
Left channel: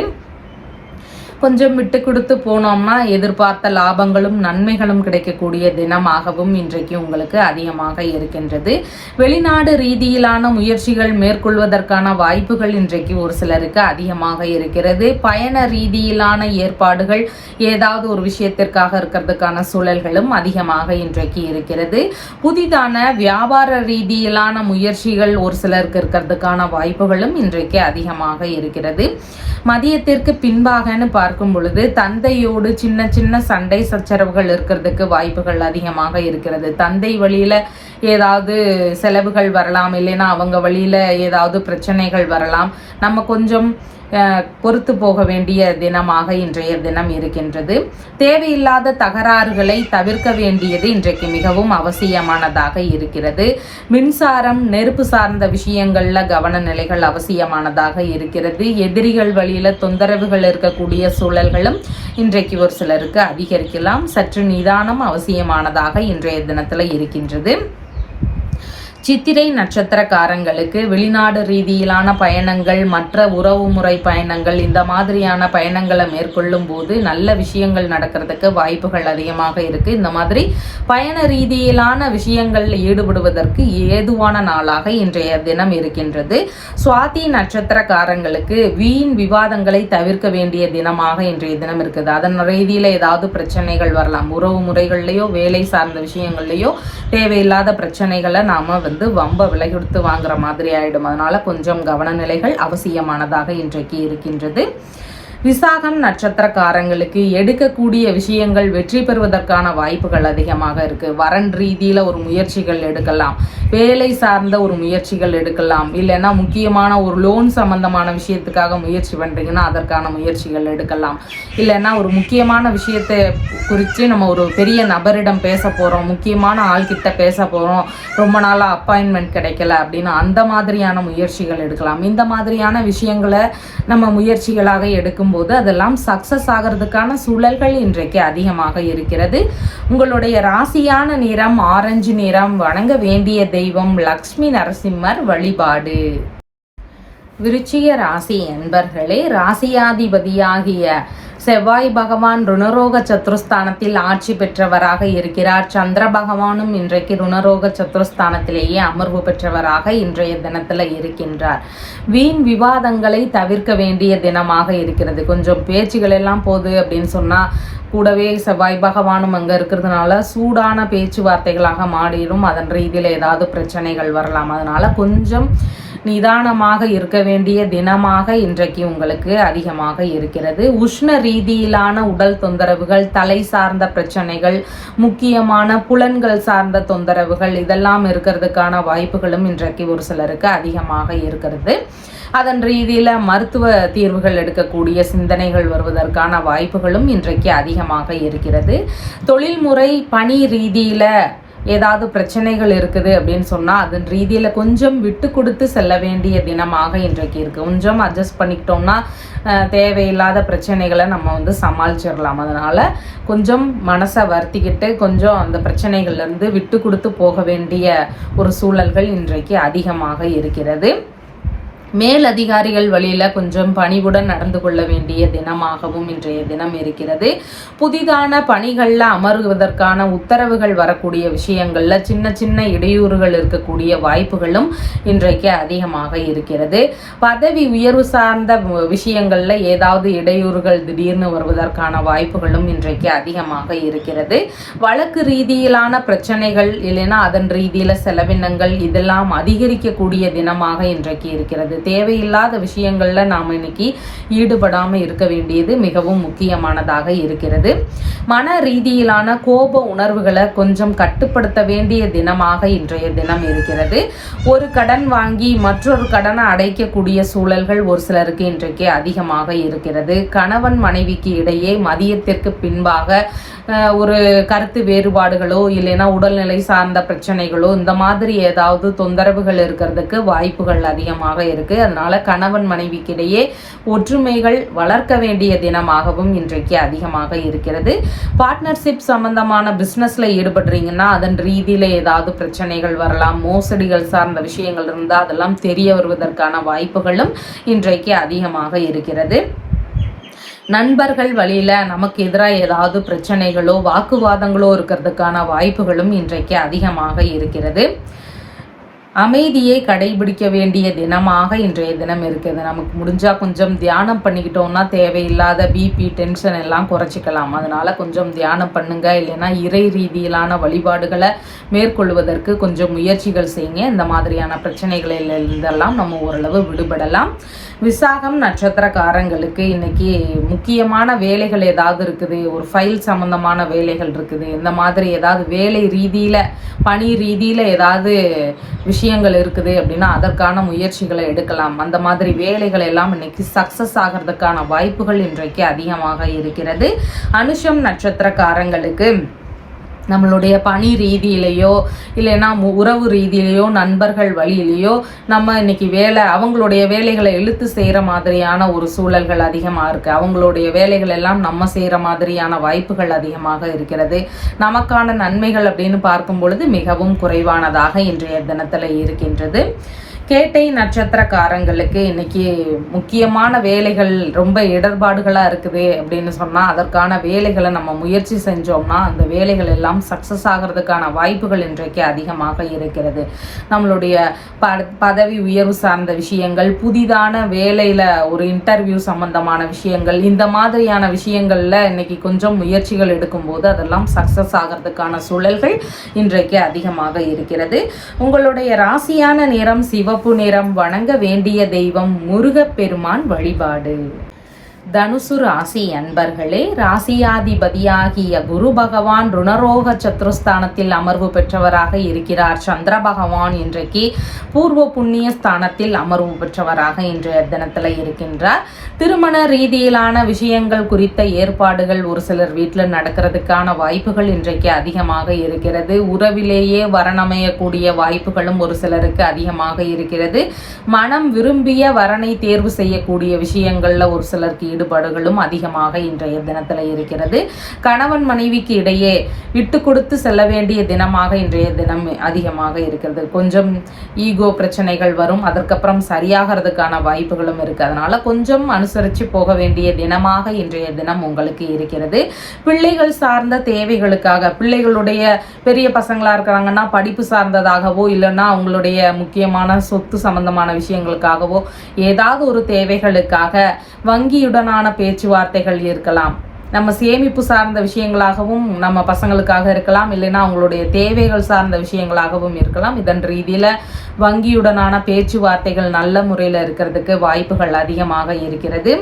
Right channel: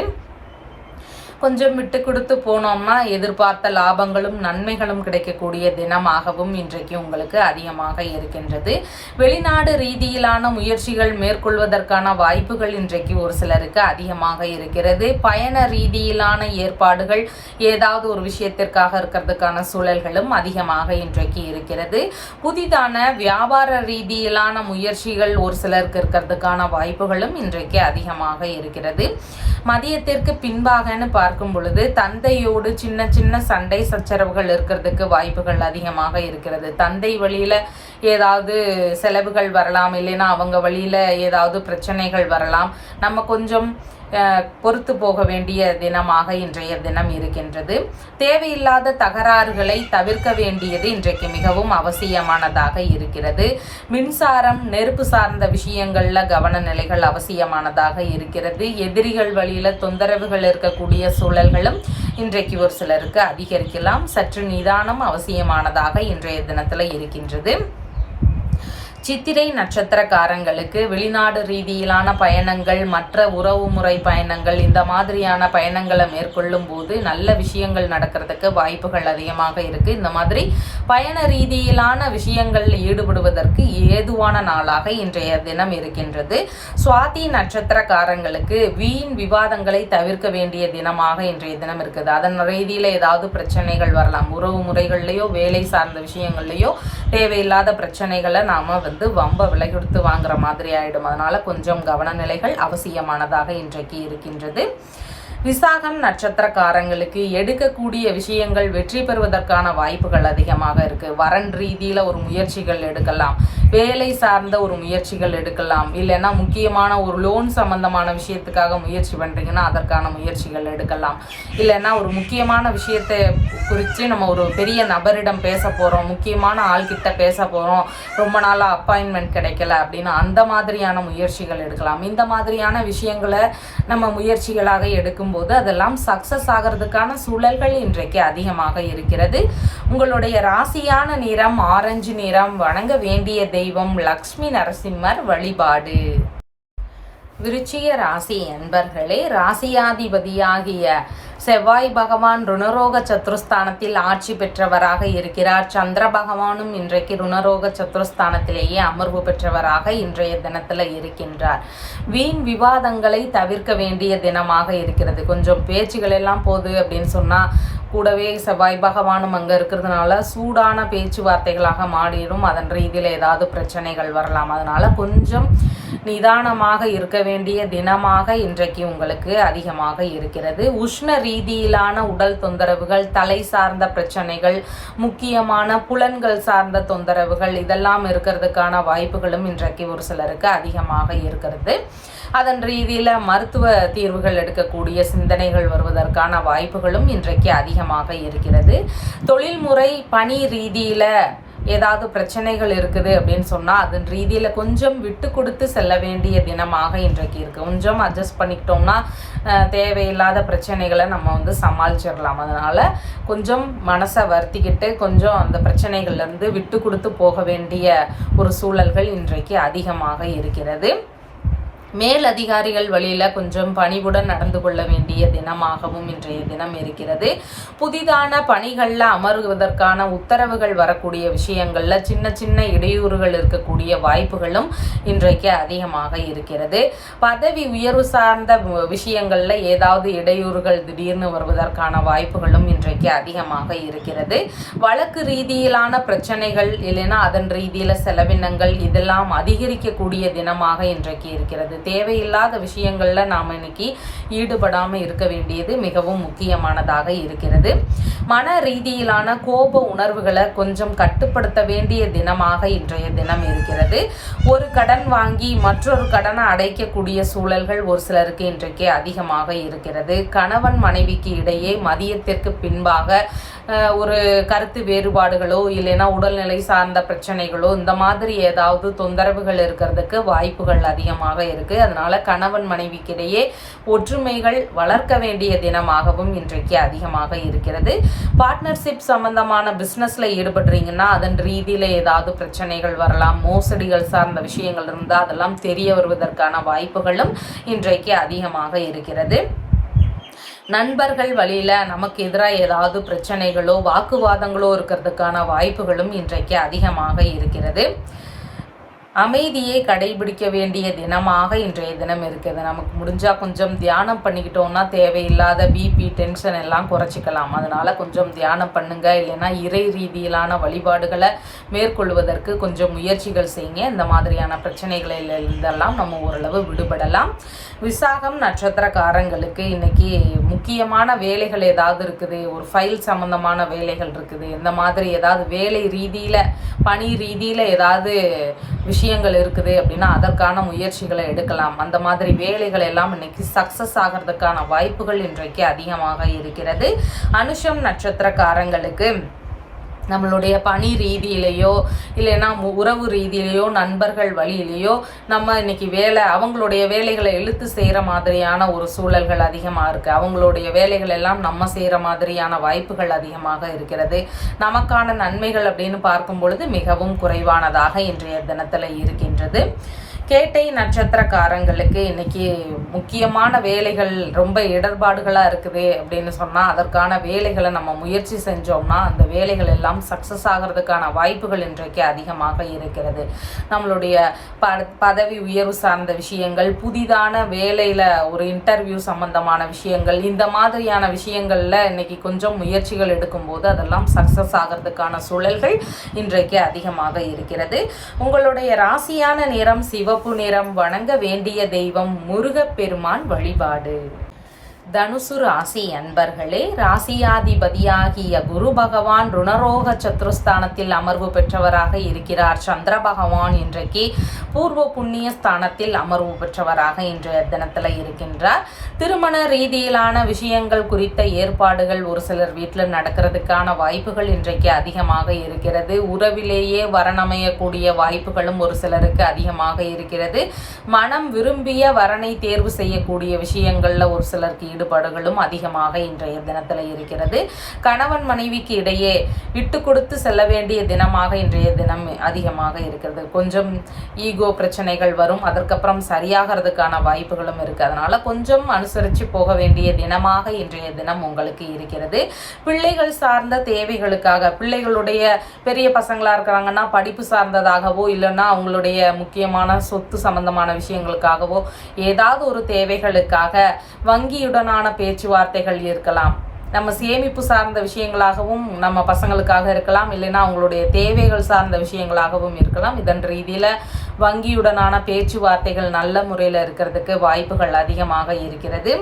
கொஞ்சம் விட்டு கொடுத்து போனோம்னா எதிர்பார்த்த லாபங்களும் நன்மைகளும் கிடைக்கக்கூடிய தினமாகவும் இன்றைக்கு உங்களுக்கு அதிகமாக இருக்கின்றது. வெளிநாடு ரீதியிலான முயற்சிகள் மேற்கொள்வதற்கான வாய்ப்புகள் இன்றைக்கு ஒரு சிலருக்கு அதிகமாக இருக்கிறது. பயண ரீதியிலான ஏற்பாடுகள் ஏதாவது ஒரு விஷயத்திற்காக இருக்கிறதுக்கான சூழல்களும் அதிகமாக இன்றைக்கு இருக்கிறது. புதிதான வியாபார ரீதியிலான முயற்சிகள் ஒரு சிலருக்கு இருக்கிறதுக்கான வாய்ப்புகளும் இன்றைக்கு அதிகமாக இருக்கிறது. மதியத்திற்கு பின்பாகன்னு பார்க்கும் பொழுது தந்தையோடு சின்ன சின்ன சண்டை சச்சரவுகள் இருக்கிறதுக்கு வாய்ப்புகள் அதிகமாக இருக்கிறது. தந்தை வழியில ஏதாவது செலவுகள் வரலாம், இல்லைன்னா அவங்க வழியில ஏதாவது பிரச்சனைகள் வரலாம். நம்ம கொஞ்சம் பொறுத்து போக வேண்டிய தினமாக இன்றைய தினம் இருக்கின்றது. தேவையில்லாத தகராறுகளை தவிர்க்க வேண்டியது இன்றைக்கு மிகவும் அவசியமானதாக இருக்கிறது. மின்சாரம் நெருப்பு சார்ந்த விஷயங்கள்ல கவன நிலைகள் அவசியமானதாக இருக்கிறது. எதிரிகள் வழியில தொந்தரவுகள் இருக்கக்கூடிய சூழல்களும் இன்றைக்கு ஒரு சிலருக்கு அதிகரிக்கலாம். சற்று நிதானம் அவசியமானதாக இன்றைய தினத்துல இருக்கின்றது. சித்திரை நட்சத்திரக்காரங்களுக்கு வெளிநாடு ரீதியிலான பயணங்கள், மற்ற உறவு முறை பயணங்கள், இந்த மாதிரியான பயணங்களை மேற்கொள்ளும் போது நல்ல விஷயங்கள் நடக்கிறதுக்கு வாய்ப்புகள் அதிகமாக இருக்கு. இந்த மாதிரி பயண ரீதியிலான விஷயங்களில் ஈடுபடுவதற்கு ஏதுவான நாளாக இன்றைய தினம் இருக்கின்றது. சுவாதி நட்சத்திரக்காரங்களுக்கு வீண் விவாதங்களை தவிர்க்க வேண்டிய தினமாக இன்றைய தினம் இருக்குது. அதன் ரீதியில ஏதாவது பிரச்சனைகள் வரலாம். உறவு முறைகள்லையோ வேலை சார்ந்த விஷயங்கள்லையோ தேவையில்லாத பிரச்சனைகளை நாம வம்ப விலை கொடுத்து வாங்குற மாதிரி ஆயிடும். அதனால கொஞ்சம் கவனநிலைகள் அவசியமானதாக இன்றைக்கு இருக்கின்றது. விசாகம் நட்சத்திரக்காரங்களுக்கு எடுக்கக்கூடிய விஷயங்கள் வெற்றி பெறுவதற்கான வாய்ப்புகள் அதிகமாக இருக்கு. வரன் ரீதியில ஒரு முயற்சிகள் எடுக்கலாம், வேலை சார்ந்த ஒரு முயற்சிகள் எடுக்கலாம், இல்லைன்னா முக்கியமான ஒரு லோன் சம்பந்தமான விஷயத்துக்காக முயற்சி பண்றீங்கன்னா அதற்கான முயற்சிகள் எடுக்கலாம். இல்லைன்னா ஒரு முக்கியமான விஷயத்தை குறித்து நம்ம ஒரு பெரிய நபரிடம் பேச போறோம், முக்கியமான ஆள்கிட்ட பேச போறோம், ரொம்ப நாளா அப்பாயின்மெண்ட் கிடைக்கல அப்படின்னா அந்த மாதிரியான முயற்சிகள் எடுக்கலாம். இந்த மாதிரியான விஷயங்களை நம்ம முயற்சிகளாக எடுக்கும் போது அதெல்லாம் சக்சஸ் ஆகிறதுக்கான சூழல்கள் இன்றைக்கு அதிகமாக இருக்கிறது. உங்களுடைய ராசியான நிறம் ஆரஞ்சு நிறம். வணங்க வேண்டிய தெய்வம் லக்ஷ்மி நரசிம்மர் வழிபாடு. விருச்சிக ராசி என்பர்களே, ராசியாதிபதியாகிய செவ்வாய் பகவான் ருணரோக சத்துருஸ்தானத்தில் ஆட்சி பெற்றவராக இருக்கிறார். சந்திர பகவானும் இன்றைக்கு ருணரோக சத்துருஸ்தானத்திலேயே அமர்வு பெற்றவராக இன்றைய தினத்துல இருக்கின்றார். வீண் விவாதங்களை தவிர்க்க வேண்டிய தினமாக இருக்கிறது. கொஞ்சம் பேச்சுகள் எல்லாம் போகுது அப்படின்னு சொன்னா கூடவே செவ்வாய் பகவானும் அங்க இருக்கிறதுனால சூடான பேச்சுவார்த்தைகளாக மாறிடும். அதன் ரீதியில ஏதாவது பிரச்சனைகள் வரலாம். அதனால கொஞ்சம் நிதானமாக இருக்க வேண்டிய தினமாக இன்றைக்கு உங்களுக்கு அதிகமாக இருக்கிறது. உஷ்ண ரீதியிலான உடல் தொந்தரவுகள், தலை சார்ந்த பிரச்சனைகள், முக்கியமான புலன்கள் சார்ந்த தொந்தரவுகள் இதெல்லாம் இருக்கிறதுக்கான வாய்ப்புகளும் இன்றைக்கு ஒரு சிலருக்கு அதிகமாக இருக்கிறது. அதன் ரீதியில மருத்துவ தீர்வுகள் எடுக்கக்கூடிய சிந்தனைகள் வருவதற்கான வாய்ப்புகளும் இன்றைக்கு அதிகமாக இருக்கிறது. தொழில்முறை பணி ரீதியில ஏதாவது பிரச்சனைகள் இருக்குது அப்படின்னு சொன்னால் அதன் ரீதியில் கொஞ்சம் விட்டு கொடுத்து செல்ல வேண்டிய தினமாக இன்றைக்கு இருக்குது. கொஞ்சம் அட்ஜஸ்ட் பண்ணிக்கிட்டோம்னா தேவையில்லாத பிரச்சனைகளை நம்ம சமாளிச்சிடலாம். அதனால் கொஞ்சம் மனசை வருத்திக்கிட்டு கொஞ்சம் அந்த பிரச்சனைகள்லேருந்து விட்டு கொடுத்து போக வேண்டிய ஒரு சூழல்கள் இன்றைக்கு அதிகமாக இருக்கிறது. மேல் அதிகாரிகள் வழியில் கொஞ்சம் பணிவுடன் நடந்து கொள்ள வேண்டிய தினமாகவும் இன்றைய தினம் இருக்கிறது. புதிதான பணிகளில் அமர்வதற்கான உத்தரவுகள் வரக்கூடிய விஷயங்களில் சின்ன சின்ன இடையூறுகள் இருக்கக்கூடிய வாய்ப்புகளும் இன்றைக்கு அதிகமாக இருக்கிறது. பதவி உயர்வு சார்ந்த விஷயங்களில் ஏதாவது இடையூறுகள் திடீர்னு வருவதற்கான வாய்ப்புகளும் இன்றைக்கு அதிகமாக இருக்கிறது. வழக்கு ரீதியிலான பிரச்சனைகள் இல்லைன்னா அதன் ரீதியில் செலவினங்கள் இதெல்லாம் அதிகரிக்கக்கூடிய தினமாக இன்றைக்கு இருக்கிறது. தேவையில்லாத விஷயங்கள்ல நாம் இன்னைக்கு ஈடுபடாமல் இருக்க வேண்டியது மிகவும் முக்கியமானதாக இருக்கிறது. மன ரீதியிலான கோப உணர்வுகளை கொஞ்சம் கட்டுப்படுத்த வேண்டிய தினமாக இன்றைய தினம் இருக்கிறது. ஒரு கடன் வாங்கி மற்றொரு கடனை அடைக்கக்கூடிய சூழல்கள் ஒரு சிலருக்கு இன்றைக்கு அதிகமாக இருக்கிறது. கணவன் மனைவிக்கு இடையே மதியத்திற்கு பின்பாக ஒரு கருத்து வேறுபாடுகளோ இல்லைன்னா உடல்நிலை சார்ந்த பிரச்சனைகளோ இந்த மாதிரி ஏதாவது தொந்தரவுகள் இருக்கிறதுக்கு வாய்ப்புகள் அதிகமாக இருக்கு. அதனால கணவன் மனைவிக்கிடையே ஒற்றுமைகள் வளர்க்க வேண்டிய தினமாகவும் இன்றைக்கு அதிகமாக இருக்கிறது. பார்ட்னர்ஷிப் சம்பந்தமான பிசினஸ்ல ஈடுபடுறீங்கன்னா அதன் ரீதியில ஏதாவது பிரச்சனைகள் வரலாம். மோசடிகள் சார்ந்த விஷயங்கள் இருந்தால் அதெல்லாம் தெரிய வருவதற்கான வாய்ப்புகளும் இன்றைக்கு அதிகமாக இருக்கிறது. நண்பர்கள் வழியில நமக்கு எதிராக ஏதாவது பிரச்சனைகளோ வாக்குவாதங்களோ இருக்கிறதுக்கான வாய்ப்புகளும் இன்றைக்கு அதிகமாக இருக்கிறது. அமைதியை கடைபிடிக்க வேண்டிய தினமாக இன்றைய தினம் இருக்குது. நமக்கு முடிஞ்சால் கொஞ்சம் தியானம் பண்ணிக்கிட்டோம்னா தேவையில்லாத பிபி டென்ஷன் எல்லாம் குறைச்சிக்கலாம். அதனால் கொஞ்சம் தியானம் பண்ணுங்க. இல்லைன்னா இறை ரீதியிலான வழிபாடுகளை மேற்கொள்வதற்கு கொஞ்சம் முயற்சிகள் செய்யுங்க. இந்த மாதிரியான பிரச்சனைகளிலிருந்தெல்லாம் நம்ம ஓரளவு விடுபடலாம். விசாகம் நட்சத்திரக்காரங்களுக்கு இன்னைக்கு முக்கியமான வேலைகள் ஏதாவது இருக்குது, ஒரு ஃபைல் சம்பந்தமான வேலைகள் இருக்குது, இந்த மாதிரி ஏதாவது வேலை ரீதியில் பணி ரீதியில் ஏதாவது விஷயங்கள் இருக்குது அப்படின்னா அதற்கான முயற்சிகளை எடுக்கலாம். அந்த மாதிரி வேலைகள் எல்லாம் இன்னைக்கு சக்சஸ் ஆகிறதுக்கான வாய்ப்புகள் இன்றைக்கு அதிகமாக இருக்கிறது. அனுஷம் நட்சத்திரக்காரங்களுக்கு நம்மளுடைய பணி ரீதியிலையோ இல்லைன்னா உறவு ரீதியிலையோ நண்பர்கள் வழியிலையோ நம்ம இன்னைக்கு அவங்களுடைய வேலைகளை இழுத்து செய்கிற மாதிரியான ஒரு சூழல்கள் அதிகமாக இருக்குது. அவங்களுடைய வேலைகள் எல்லாம் நம்ம செய்கிற மாதிரியான வாய்ப்புகள் அதிகமாக இருக்கிறது. நமக்கான நன்மைகள் அப்படின்னு பார்க்கும் பொழுது மிகவும் குறைவானதாக இன்றைய தினத்தில் இருக்கின்றது. கேட்டை நட்சத்திரக்காரங்களுக்கு இன்னைக்கு முக்கியமான வேலைகள் ரொம்ப இடர்பாடுகளாக இருக்குது அப்படின்னு சொன்னால் அதற்கான வேலைகளை நம்ம முயற்சி செஞ்சோம்னா அந்த வேலைகள் எல்லாம் சக்ஸஸ் ஆகிறதுக்கான வாய்ப்புகள் இன்றைக்கு அதிகமாக இருக்கிறது. நம்மளுடைய பதவி உயர்வு சார்ந்த விஷயங்கள், புதிதான வேலையில் ஒரு இன்டர்வியூ சம்பந்தமான விஷயங்கள், இந்த மாதிரியான விஷயங்களில் இன்னைக்கு கொஞ்சம் முயற்சிகள் எடுக்கும்போது அதெல்லாம் சக்ஸஸ் ஆகிறதுக்கான சூழல்கள் இன்றைக்கு அதிகமாக இருக்கிறது. உங்களுடைய ராசியான நிறம் சிவப்பு நிறம். வணங்க வேண்டிய தெய்வம் முருகப்பெருமான் வழிபாடு. தனுசு ராசி அன்பர்களே, ராசியாதிபதியாகிய குரு பகவான் ருணரோக சத்ருஸ்தானத்தில் அமர்வு பெற்றவராக இருக்கிறார். சந்திர பகவான் இன்றைக்கு பூர்வ புண்ணிய ஸ்தானத்தில் அமர்வு பெற்றவராக இன்றைய தினத்தில் இருக்கின்றார். திருமண ரீதியிலான விஷயங்கள் குறித்த ஏற்பாடுகள் ஒரு சிலர் வீட்டில் நடக்கிறதுக்கான வாய்ப்புகள் இன்றைக்கு அதிகமாக இருக்கிறது. உறவிலேயே வரணமையக்கூடிய வாய்ப்புகளும் ஒரு சிலருக்கு அதிகமாக இருக்கிறது. மனம் விரும்பிய வரனை தேர்வு செய்யக்கூடிய விஷயங்கள்ல ஒரு சிலருக்கு ஈடுபாடுகளும் அதிகமாக இன்றைய தினத்தில் இருக்கிறது. கணவன் மனைவிக்கு இடையே விட்டு கொடுத்து செல்ல வேண்டிய தினமாக இன்றைய தினம் அதிகமாக இருக்கிறது. கொஞ்சம் ஈகோ பிரச்சனைகள் வரும், அதற்கப்புறம் சரியாகிறதுக்கான வாய்ப்புகளும் இருக்கு. அதனால கொஞ்சம் அனுசரித்து போக வேண்டிய தினமாக இன்றைய தினம் உங்களுக்கு இருக்கிறது. பிள்ளைகள் சார்ந்த தேவைகளுக்காக, பிள்ளைகளுடைய பெரிய பசங்களா இருக்கிறாங்கன்னா படிப்பு சார்ந்ததாகவோ இல்லைன்னா அவங்களுடைய முக்கியமான சொத்து சம்பந்தமான விஷயங்களுக்காகவோ ஏதாவது ஒரு தேவைகளுக்காக வங்கியுடனான பேச்சுவார்த்தைகள் இருக்கலாம். நம்ம சேமிப்பு சார்ந்த விஷயங்களாகவும் நம்ம பசங்களுக்காக இருக்கலாம், இல்லைன்னா அவங்களுடைய தேவைகள் சார்ந்த விஷயங்களாகவும் இருக்கலாம். இதன் ரீதியில் வங்கியுடனான பேச்சுவார்த்தைகள் நல்ல முறையில் இருக்கிறதுக்கு வாய்ப்புகள் அதிகமாக இருக்கிறது.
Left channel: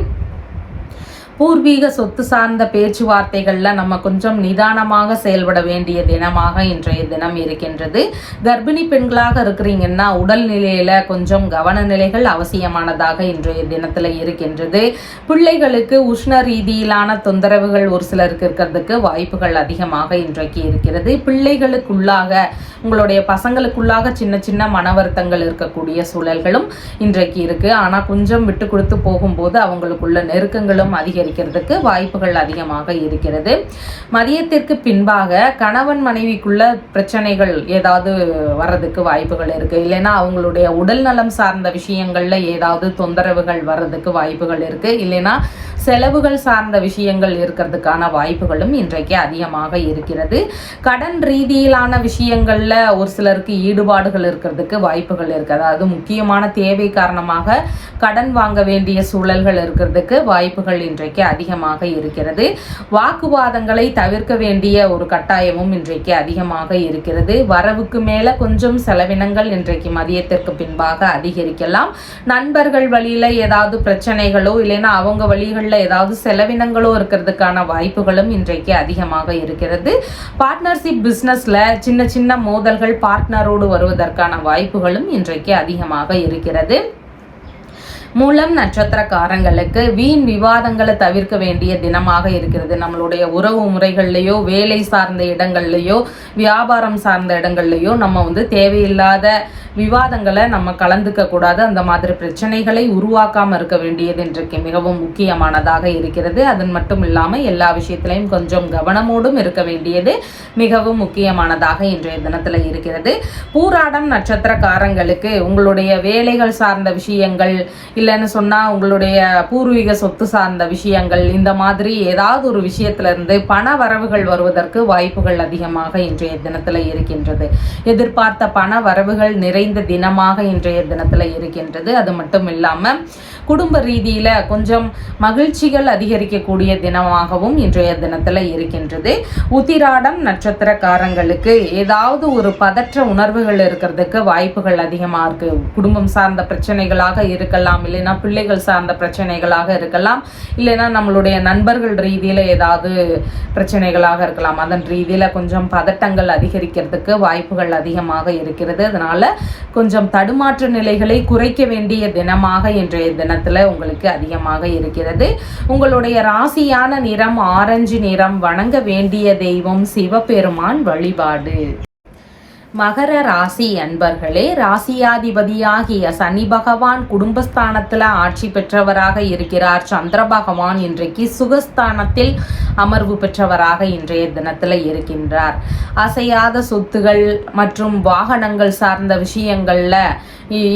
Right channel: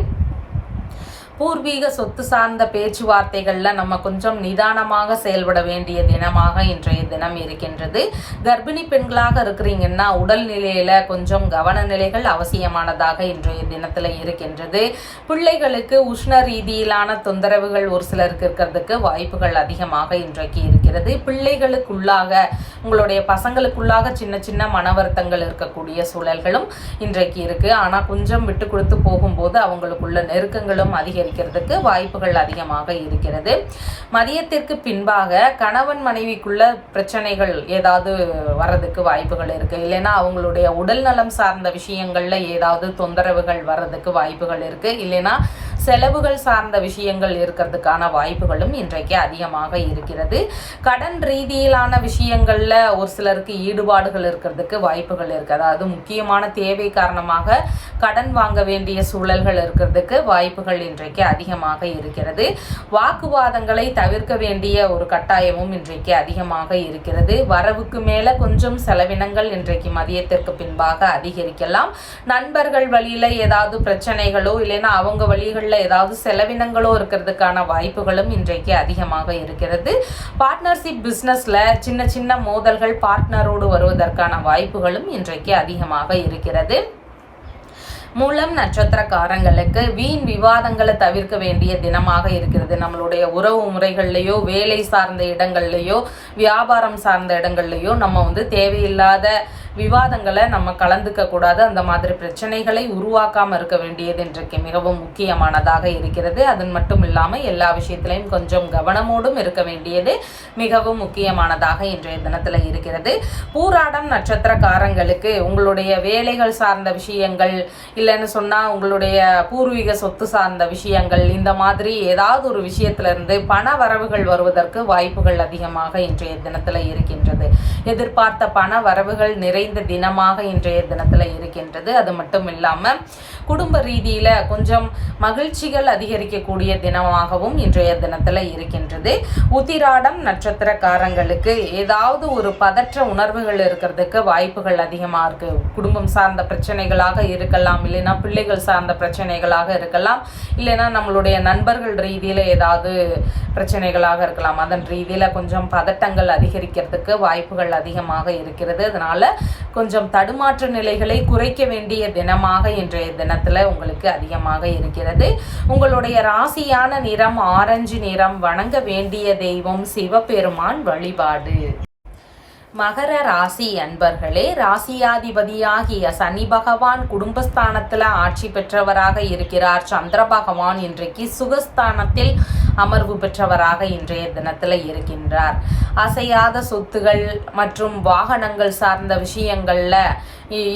பூர்வீக சொத்து சார்ந்த பேச்சுவார்த்தைகளில் நம்ம கொஞ்சம் நிதானமாக செயல்பட வேண்டிய தினமாக இன்றைய தினம் இருக்கின்றது. கர்ப்பிணி பெண்களாக இருக்கிறீங்கன்னா உடல்நிலையில கொஞ்சம் கவன நிலைகள் அவசியமானதாக இன்றைய தினத்தில் இருக்கின்றது. பிள்ளைகளுக்கு உஷ்ண ரீதியிலான தொந்தரவுகள் ஒரு சிலருக்கு இருக்கிறதுக்கு வாய்ப்புகள் அதிகமாக இன்றைக்கு இருக்கிறது. பிள்ளைகளுக்குள்ளாக உங்களுடைய பசங்களுக்குள்ளாக சின்ன சின்ன மன வருத்தங்கள் இருக்கக்கூடிய சூழல்களும் இன்றைக்கு இருக்கு. ஆனால் கொஞ்சம் விட்டு கொடுத்து போகும்போது அவங்களுக்குள்ள நெருக்கங்களும் அதிகரிக்கிறதுக்கு வாய்ப்புகள் அதிகமாக இருக்கிறது. மதியத்திற்கு பின்பாக கணவன் மனைவிக்குள்ள பிரச்சனைகள் ஏதாவது வர்றதுக்கு வாய்ப்புகள் இருக்கு. இல்லைன்னா அவங்களுடைய உடல் நலம் சார்ந்த விஷயங்கள்ல ஏதாவது தொந்தரவுகள் வர்றதுக்கு வாய்ப்புகள் இருக்கு. இல்லைன்னா செலவுகள் சார்ந்த விஷயங்கள் இருக்கிறதுக்கான வாய்ப்புகளும் இன்றைக்கு அதிகமாக இருக்கிறது. கடன் ரீதியிலான விஷயங்கள்ல ஒரு சிலருக்கு ஈடுபாடுகள் இருக்கிறதுக்கு வாய்ப்புகள் இருக்கு. அதாவது முக்கியமான தேவை காரணமாக கடன் வாங்க வேண்டிய சூழல்கள் இருக்கிறதுக்கு வாய்ப்புகள் இன்றைக்கு அதிகமாக இருக்கிறது. வாக்குவாதங்களை தவிர்க்க வேண்டிய ஒரு கட்டாயமும் இன்றைக்கு அதிகமாக இருக்கிறது. வரவுக்கு மேல கொஞ்சம் செலவினங்கள் இன்றைக்கு மதியத்திற்கு பின்பாக அதிகரிக்கலாம். நண்பர்கள் வழியில ஏதாவது பிரச்சனைகளோ இல்லைன்னா அவங்க வழிகளில் ஏதாவது செலவினங்களோ இருக்கிறதுக்கான வாய்ப்புகளும் இன்றைக்கு அதிகமாக இருக்கிறது. பார்ட்னர்ஷிப் பிசினஸ்ல சின்ன சின்ன மோதல்கள் பார்ட்னரோடு வருவதற்கான வாய்ப்புகளும் இன்றைக்கு அதிகமாக இருக்கிறது. மூலம் நட்சத்திரக்காரங்களுக்கு வீண் விவாதங்களை தவிர்க்க வேண்டிய தினமாக இருக்கிறது. நம்மளுடைய உறவு முறைகள்லையோ வேலை சார்ந்த இடங்கள்லையோ வியாபாரம் சார்ந்த இடங்கள்லையோ நம்ம தேவையில்லாத விவாதங்களை நம்ம கலந்துக்க கூடாது. அந்த மாதிரி பிரச்சனைகளை உருவாக்காம இருக்க வேண்டியது இன்றைக்கு மிகவும் முக்கியமானதாக இருக்கிறது. அதன் மட்டும் இல்லாமல் எல்லா விஷயத்திலையும் கொஞ்சம் கவனமோடும் இருக்க வேண்டியது மிகவும் முக்கியமானதாக இன்றைய தினத்துல இருக்கிறது. பூராடம் நட்சத்திரக்காரங்களுக்கு உங்களுடைய வேலைகள் சார்ந்த விஷயங்கள் இல்லைன்னு சொன்னா உங்களுடைய பூர்வீக சொத்து சார்ந்த விஷயங்கள் இந்த மாதிரி ஏதாவது ஒரு விஷயத்துல இருந்து பண வரவுகள் வருவதற்கு வாய்ப்புகள் அதிகமாக இன்றைய தினத்துல இருக்கின்றது. எதிர்பார்த்த பண வரவுகள் நிறைந்த தினமாக இன்றைய தினத்துல இருக்கின்றது. அது மட்டும் இல்லாம குடும்ப ரீதியில கொஞ்சம் மகிழ்ச்சிகள் அதிகரிக்கக்கூடிய தினமாகவும் இன்றைய தினத்துல இருக்கின்றது. உத்திராடம் நட்சத்திரக்காரங்களுக்கு ஏதாவது ஒரு பதற்ற உணர்வுகள் இருக்கிறதுக்கு வாய்ப்புகள் அதிகமா இருக்கு. குடும்பம் சார்ந்த பிரச்சனைகளாக இருக்கலாம், இல்லைன்னா பிள்ளைகள் சார்ந்த பிரச்சனைகளாக இருக்கலாம், இல்லைன்னா நம்மளுடைய நண்பர்கள் ரீதியில ஏதாவது பிரச்சனைகளாக இருக்கலாம். அதன் ரீதியில கொஞ்சம் பதட்டங்கள் அதிகரிக்கிறதுக்கு வாய்ப்புகள் அதிகமாக இருக்கிறது. அதனால கொஞ்சம் தடுமாற்ற நிலைகளை குறைக்க வேண்டிய தினமாக இன்றைய தினத்துல உங்களுக்கு அதிகமாக இருக்கிறது. உங்களுடைய ராசியான நிறம் ஆரஞ்சு நிறம். வணங்க வேண்டிய தெய்வம் சிவபெருமான் வழிபாடு. மகர ராசி அன்பர்களே, ராசியாதிபதியாகிய சனி பகவான் குடும்பஸ்தானத்துல ஆட்சி பெற்றவராக இருக்கிறார். சந்திர பகவான் இன்றைக்கு சுகஸ்தானத்தில் அமர்வு பெற்றவராக இன்றைய தினத்துல இருக்கின்றார். அசையாத சொத்துகள் மற்றும் வாகனங்கள் சார்ந்த விஷயங்கள்ல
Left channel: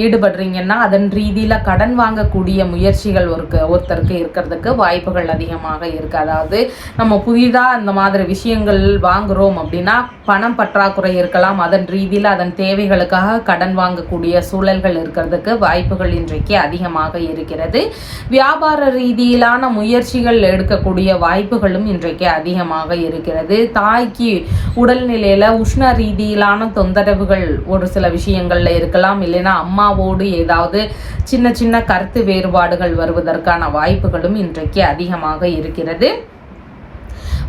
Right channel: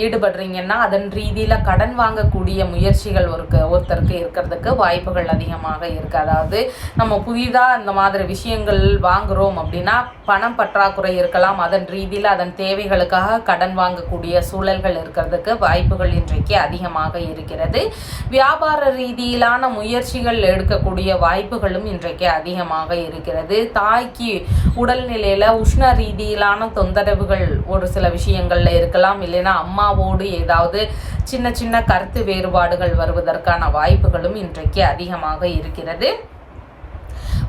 ஈடுபடுறீங்கன்னா அதன் ரீதியில கடன் வாங்கக்கூடிய முயற்சிகள் ஒருத்தருக்கு இருக்கிறதுக்கு வாய்ப்புகள் அதிகமாக இருக்கு. அதாவது நம்ம புதிதா இந்த மாதிரி விஷயங்கள் வாங்குறோம் அப்படின்னா பணம் பற்றாக்குறை இருக்கலாம். அதன் ரீதியில அதன் தேவைகளுக்காக கடன் வாங்கக்கூடிய சூழல்கள் இருக்கிறதுக்கு வாய்ப்புகள் இன்றைக்கு அதிகமாக இருக்கிறது. வியாபார ரீதியிலான முயற்சிகள் எடுக்கக்கூடிய வாய்ப்புகளும் இன்றைக்கு அதிகமாக இருக்கிறது. தாய்க்கு உடல்நிலையில உஷ்ண ரீதியிலான தொந்தரவுகள் ஒரு சில விஷயங்கள்ல இருக்கலாம். இல்லைன்னா அம்மாவோடு ஏதாவது சின்ன சின்ன கருத்து வேறுபாடுகள் வருவதற்கான வாய்ப்புகளும் இன்றைக்கு அதிகமாக இருக்கிறது.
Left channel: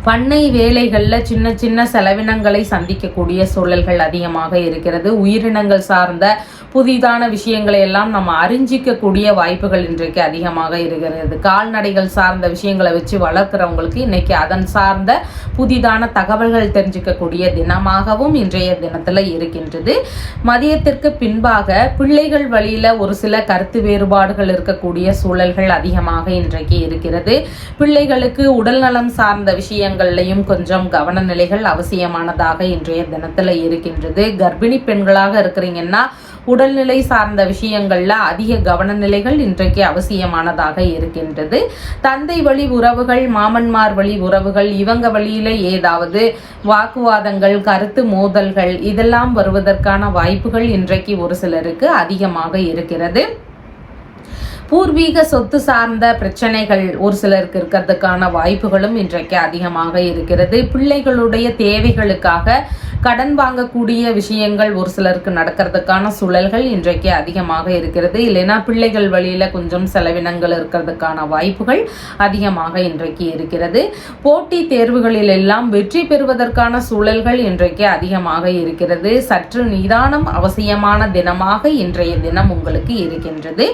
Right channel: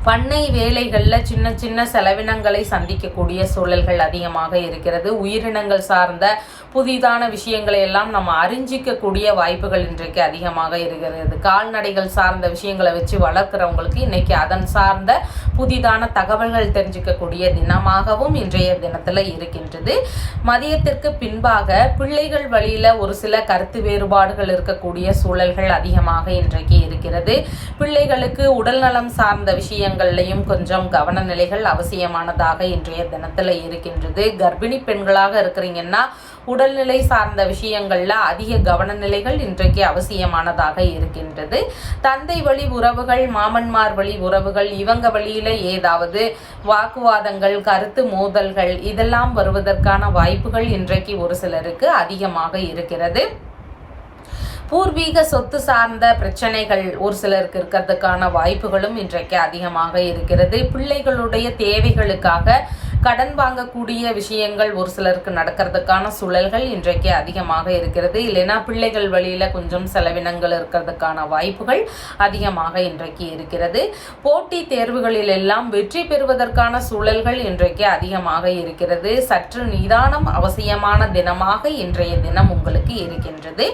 பண்ணை வேலைகள்ல சின்ன சின்ன செலவினங்களை சந்திக்கக்கூடிய சூழல்கள் அதிகமாக இருக்கிறது. உயிரினங்கள் சார்ந்த புதிதான விஷயங்களை எல்லாம் நம்ம அறிஞ்சிக்கக்கூடிய வாய்ப்புகள் இன்றைக்கு அதிகமாக இருக்கிறது. கால்நடைகள் சார்ந்த விஷயங்களை வச்சு வளர்க்குறவங்களுக்கு இன்னைக்கு அதன் சார்ந்த புதிதான தகவல்கள் தெரிஞ்சிக்கக்கூடிய தினமாகவும் இன்றைய தினத்துல இருக்கின்றது. மதியத்திற்கு பின்பாக பிள்ளைகள் வழியில ஒரு சில கருத்து வேறுபாடுகள் இருக்கக்கூடிய சூழல்கள் அதிகமாக இன்றைக்கு இருக்கிறது. பிள்ளைகளுக்கு உடல் நலம் சார்ந்த விஷயங்கள்லையும் கொஞ்சம் கவன நிலைகள் அவசியமானதாக இன்றைய தினத்துல இருக்கின்றது. கர்ப்பிணி பெண்களாக இருக்கிறீங்கன்னா உடல்நிலை சார்ந்த விஷயங்கள்ல அதிக கவனநிலைகள் இன்றைக்கு அவசியமானதாக இருக்கின்றது. தந்தை வழி உறவுகள், மாமன்மார் வழி உறவுகள், இவங்க வழியில ஏதாவது வாக்குவாதங்கள், கருத்து மோதல்கள் இதெல்லாம் வருவதற்கான வாய்ப்புகள் இன்றைக்கு ஒரு சிலருக்கு அதிகமாக இருக்கிறது. பூர்வீக சொத்து சார்ந்த பிரச்சனைகள் ஒரு சிலருக்கு இருக்கிறதுக்கான வாய்ப்புகளும் இன்றைக்கு அதிகமாக இருக்கிறது. பிள்ளைகளுடைய தேவைகளுக்காக கடன் வாங்கக்கூடிய விஷயங்கள் ஒரு சிலருக்கு நடக்கிறதுக்கான சூழல்கள் இன்றைக்கு அதிகமாக இருக்கிறது. இல்லைன்னா பிள்ளைகள் வழியில கொஞ்சம் செலவினங்கள் இருக்கிறதுக்கான வாய்ப்புகள் அதிகமாக இன்றைக்கு இருக்கிறது. போட்டி தேர்வுகளில் எல்லாம் வெற்றி பெறுவதற்கான சூழல்கள் இன்றைக்கு அதிகமாக இருக்கிறது. சற்று நிதானம் அவசியமான தினமாக இன்றைய தினம் உங்களுக்கு இருக்கின்றது.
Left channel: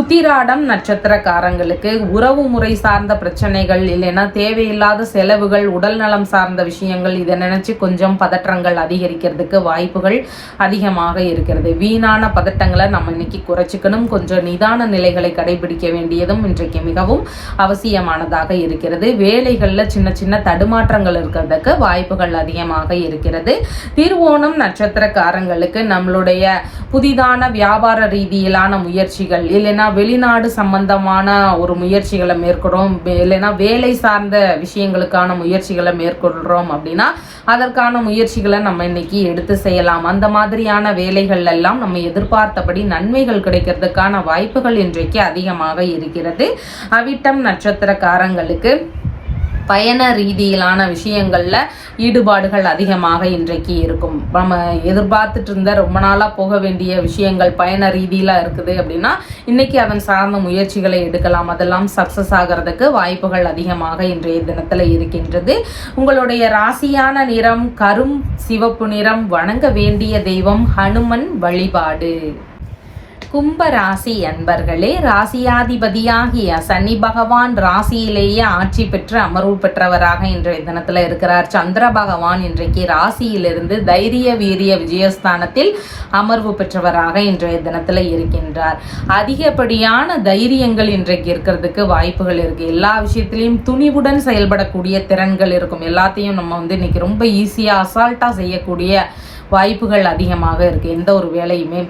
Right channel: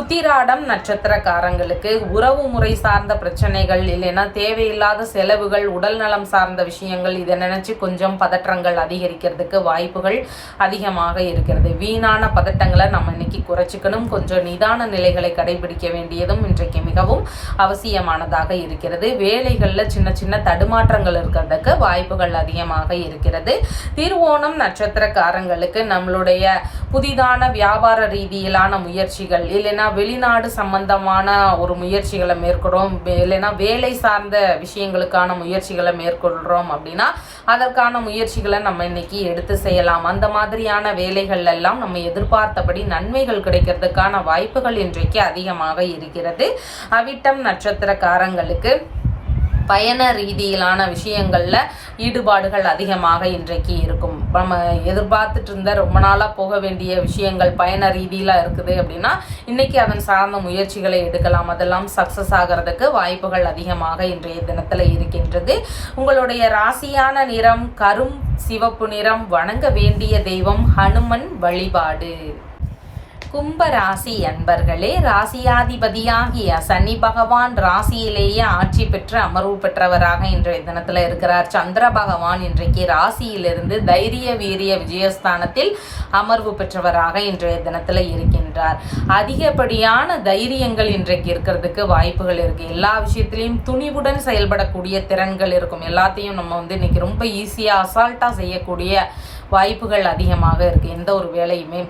உத்திராடம் நட்சத்திரக்காரங்களுக்கு உறவு முறை சார்ந்த பிரச்சனைகள், இல்லைன்னா தேவையில்லாத செலவுகள், உடல் நலம் சார்ந்த விஷயங்கள், இதை நினைச்சு கொஞ்சம் பதற்றங்கள் அதிகரிக்கிறதுக்கு வாய்ப்புகள் அதிகமாக இருக்கிறது. வீணான பதட்டங்களை நம்ம இன்னைக்கு குறைச்சிக்கணும். கொஞ்சம் நிதான நிலைகளை கடைபிடிக்க வேண்டியதும் இன்றைக்கு மிகவும் அவசியமானதாக இருக்கிறது. வேலைகள்ல சின்ன சின்ன தடுமாற்றங்கள் இருக்கிறதுக்கு வாய்ப்புகள் அதிகமாக இருக்கிறது. திருவோணம் நட்சத்திரக்காரங்களுக்கு நம்மளுடைய புதிதான வியாபார ரீதியிலான முயற்சிகள், இல்லைன்னா வெளிநாடு சம்பந்தமான ஒரு முயற்சிகளை மேற்கொள்றோம், இல்லைன்னா வேலை சார்ந்த விஷயங்களுக்கான முயற்சிகளை மேற்கொள்றோம் அப்படின்னா அதற்கான முயற்சிகளை நம்ம இன்னைக்கு எடுத்து செய்யலாம். அந்த மாதிரியான வேலைகள் எல்லாம் நம்ம எதிர்பார்த்தபடி நன்மைகள் கிடைக்கிறதுக்கான வாய்ப்புகள் இன்றைக்கு அதிகமாக இருக்கிறது. அவிட்டம் நட்சத்திரக்காரங்களுக்கு பயண ரீதியிலான விஷயங்கள்ல ஈடுபாடுகள் அதிகமாக இன்றைக்கு இருக்கும். நம்ம எதிர்பார்த்துட்டு இருந்த ரொம்ப நாளா போக வேண்டிய விஷயங்கள் பயண ரீதியில இருக்குது அப்படின்னா இன்னைக்கு அதன் சார்ந்த முயற்சிகளை எடுக்கலாம். அதெல்லாம் சக்சஸ் ஆகிறதுக்கு வாய்ப்புகள் அதிகமாக இன்றைய தினத்துல இருக்கின்றது. உங்களுடைய ராசியான நிறம் கரும் சிவப்பு நிறம். வணங்க வேண்டிய தெய்வம் ஹனுமன் வழிபாடு. கும்ப ராசி அன்பர்களே, ராசியாதிபதியாகிய சனி பகவான் ராசியிலேயே ஆட்சி பெற்று அமர்வு பெற்றவராக இன்றைய தினத்துல இருக்கிறார். சந்திர பகவான் இன்றைக்கு ராசியிலிருந்து தைரிய வீரிய விஜயஸ்தானத்தில் அமர்வு பெற்றவராக இன்றைய தினத்துல இருக்கின்றார். அதிகப்படியான தைரியங்கள் இன்றைக்கு இருக்கிறதுக்கு வாய்ப்புகள் இருக்கு. எல்லா விஷயத்திலையும் துணிவுடன் செயல்படக்கூடிய திறன்கள் இருக்கும். எல்லாத்தையும் நம்ம இன்னைக்கு ரொம்ப ஈஸியா அசால்ட்டா செய்யக்கூடிய வாய்ப்புகள் அதிகமாக இருக்கு. எந்த ஒரு வேலையுமே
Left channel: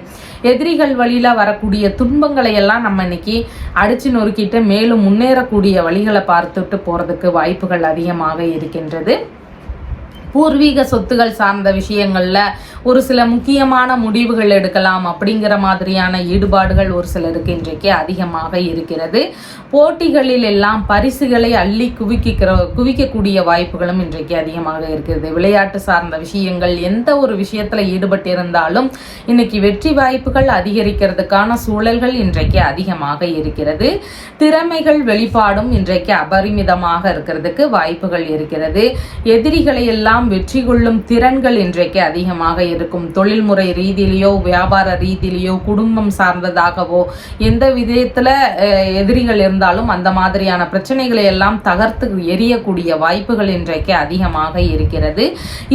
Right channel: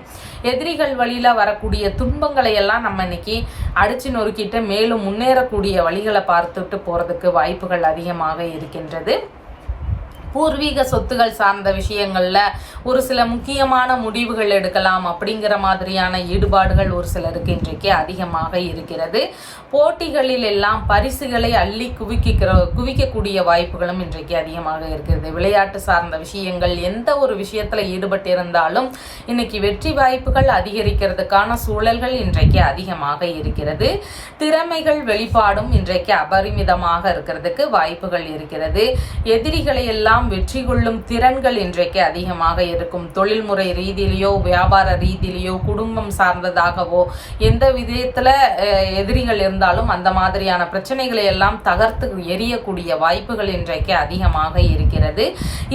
எதிரிகள் வழியில வரக்கூடிய துன்பங்களை எல்லாம் நம்ம இன்னைக்கு அடிச்சு நொறுக்கிட்டு மேலும் முன்னேறக்கூடிய வழிகளை பார்த்துட்டு போறதுக்கு வாய்ப்புகள் அதிகமாக இருக்கின்றது. பூர்வீக சொத்துகள் சார்ந்த விஷயங்கள்ல ஒரு சில முக்கியமான முடிவுகள் எடுக்கலாம் அப்படிங்கிற மாதிரியான ஈடுபாடுகள் ஒரு சிலருக்கு இன்றைக்கு அதிகமாக இருக்கிறது. போட்டிகளில் எல்லாம் பரிசுகளை அள்ளி குவிக்கக்கூடிய வாய்ப்புகளும் இன்றைக்கு அதிகமாக இருக்கிறது. விளையாட்டு சார்ந்த விஷயங்கள் எந்த ஒரு விஷயத்துல ஈடுபட்டிருந்தாலும் இன்னைக்கு வெற்றி வாய்ப்புகள் அதிகரிக்கிறதுக்கான சூழல்கள் இன்றைக்கு அதிகமாக இருக்கிறது. திறமைகள் வெளிப்பாடும் இன்றைக்கு அபரிமிதமாக இருக்கிறதுக்கு வாய்ப்புகள் இருக்கிறது. எதிரிகளை எல்லாம் வெற்றி கொள்ளும் திறன்கள் இன்றைக்கு அதிகமாக இருக்கும். தொழில்முறை ரீதியிலேயோ வியாபார ரீதியிலேயோ குடும்பம் சார்ந்ததாகவோ எந்த விதத்துல எதிரிகள் இருந்தாலும் அந்த மாதிரியான பிரச்சனைகளை எல்லாம் தகர்த்து எரியக்கூடிய வாய்ப்புகள் இன்றைக்கு அதிகமாக இருக்கிறது.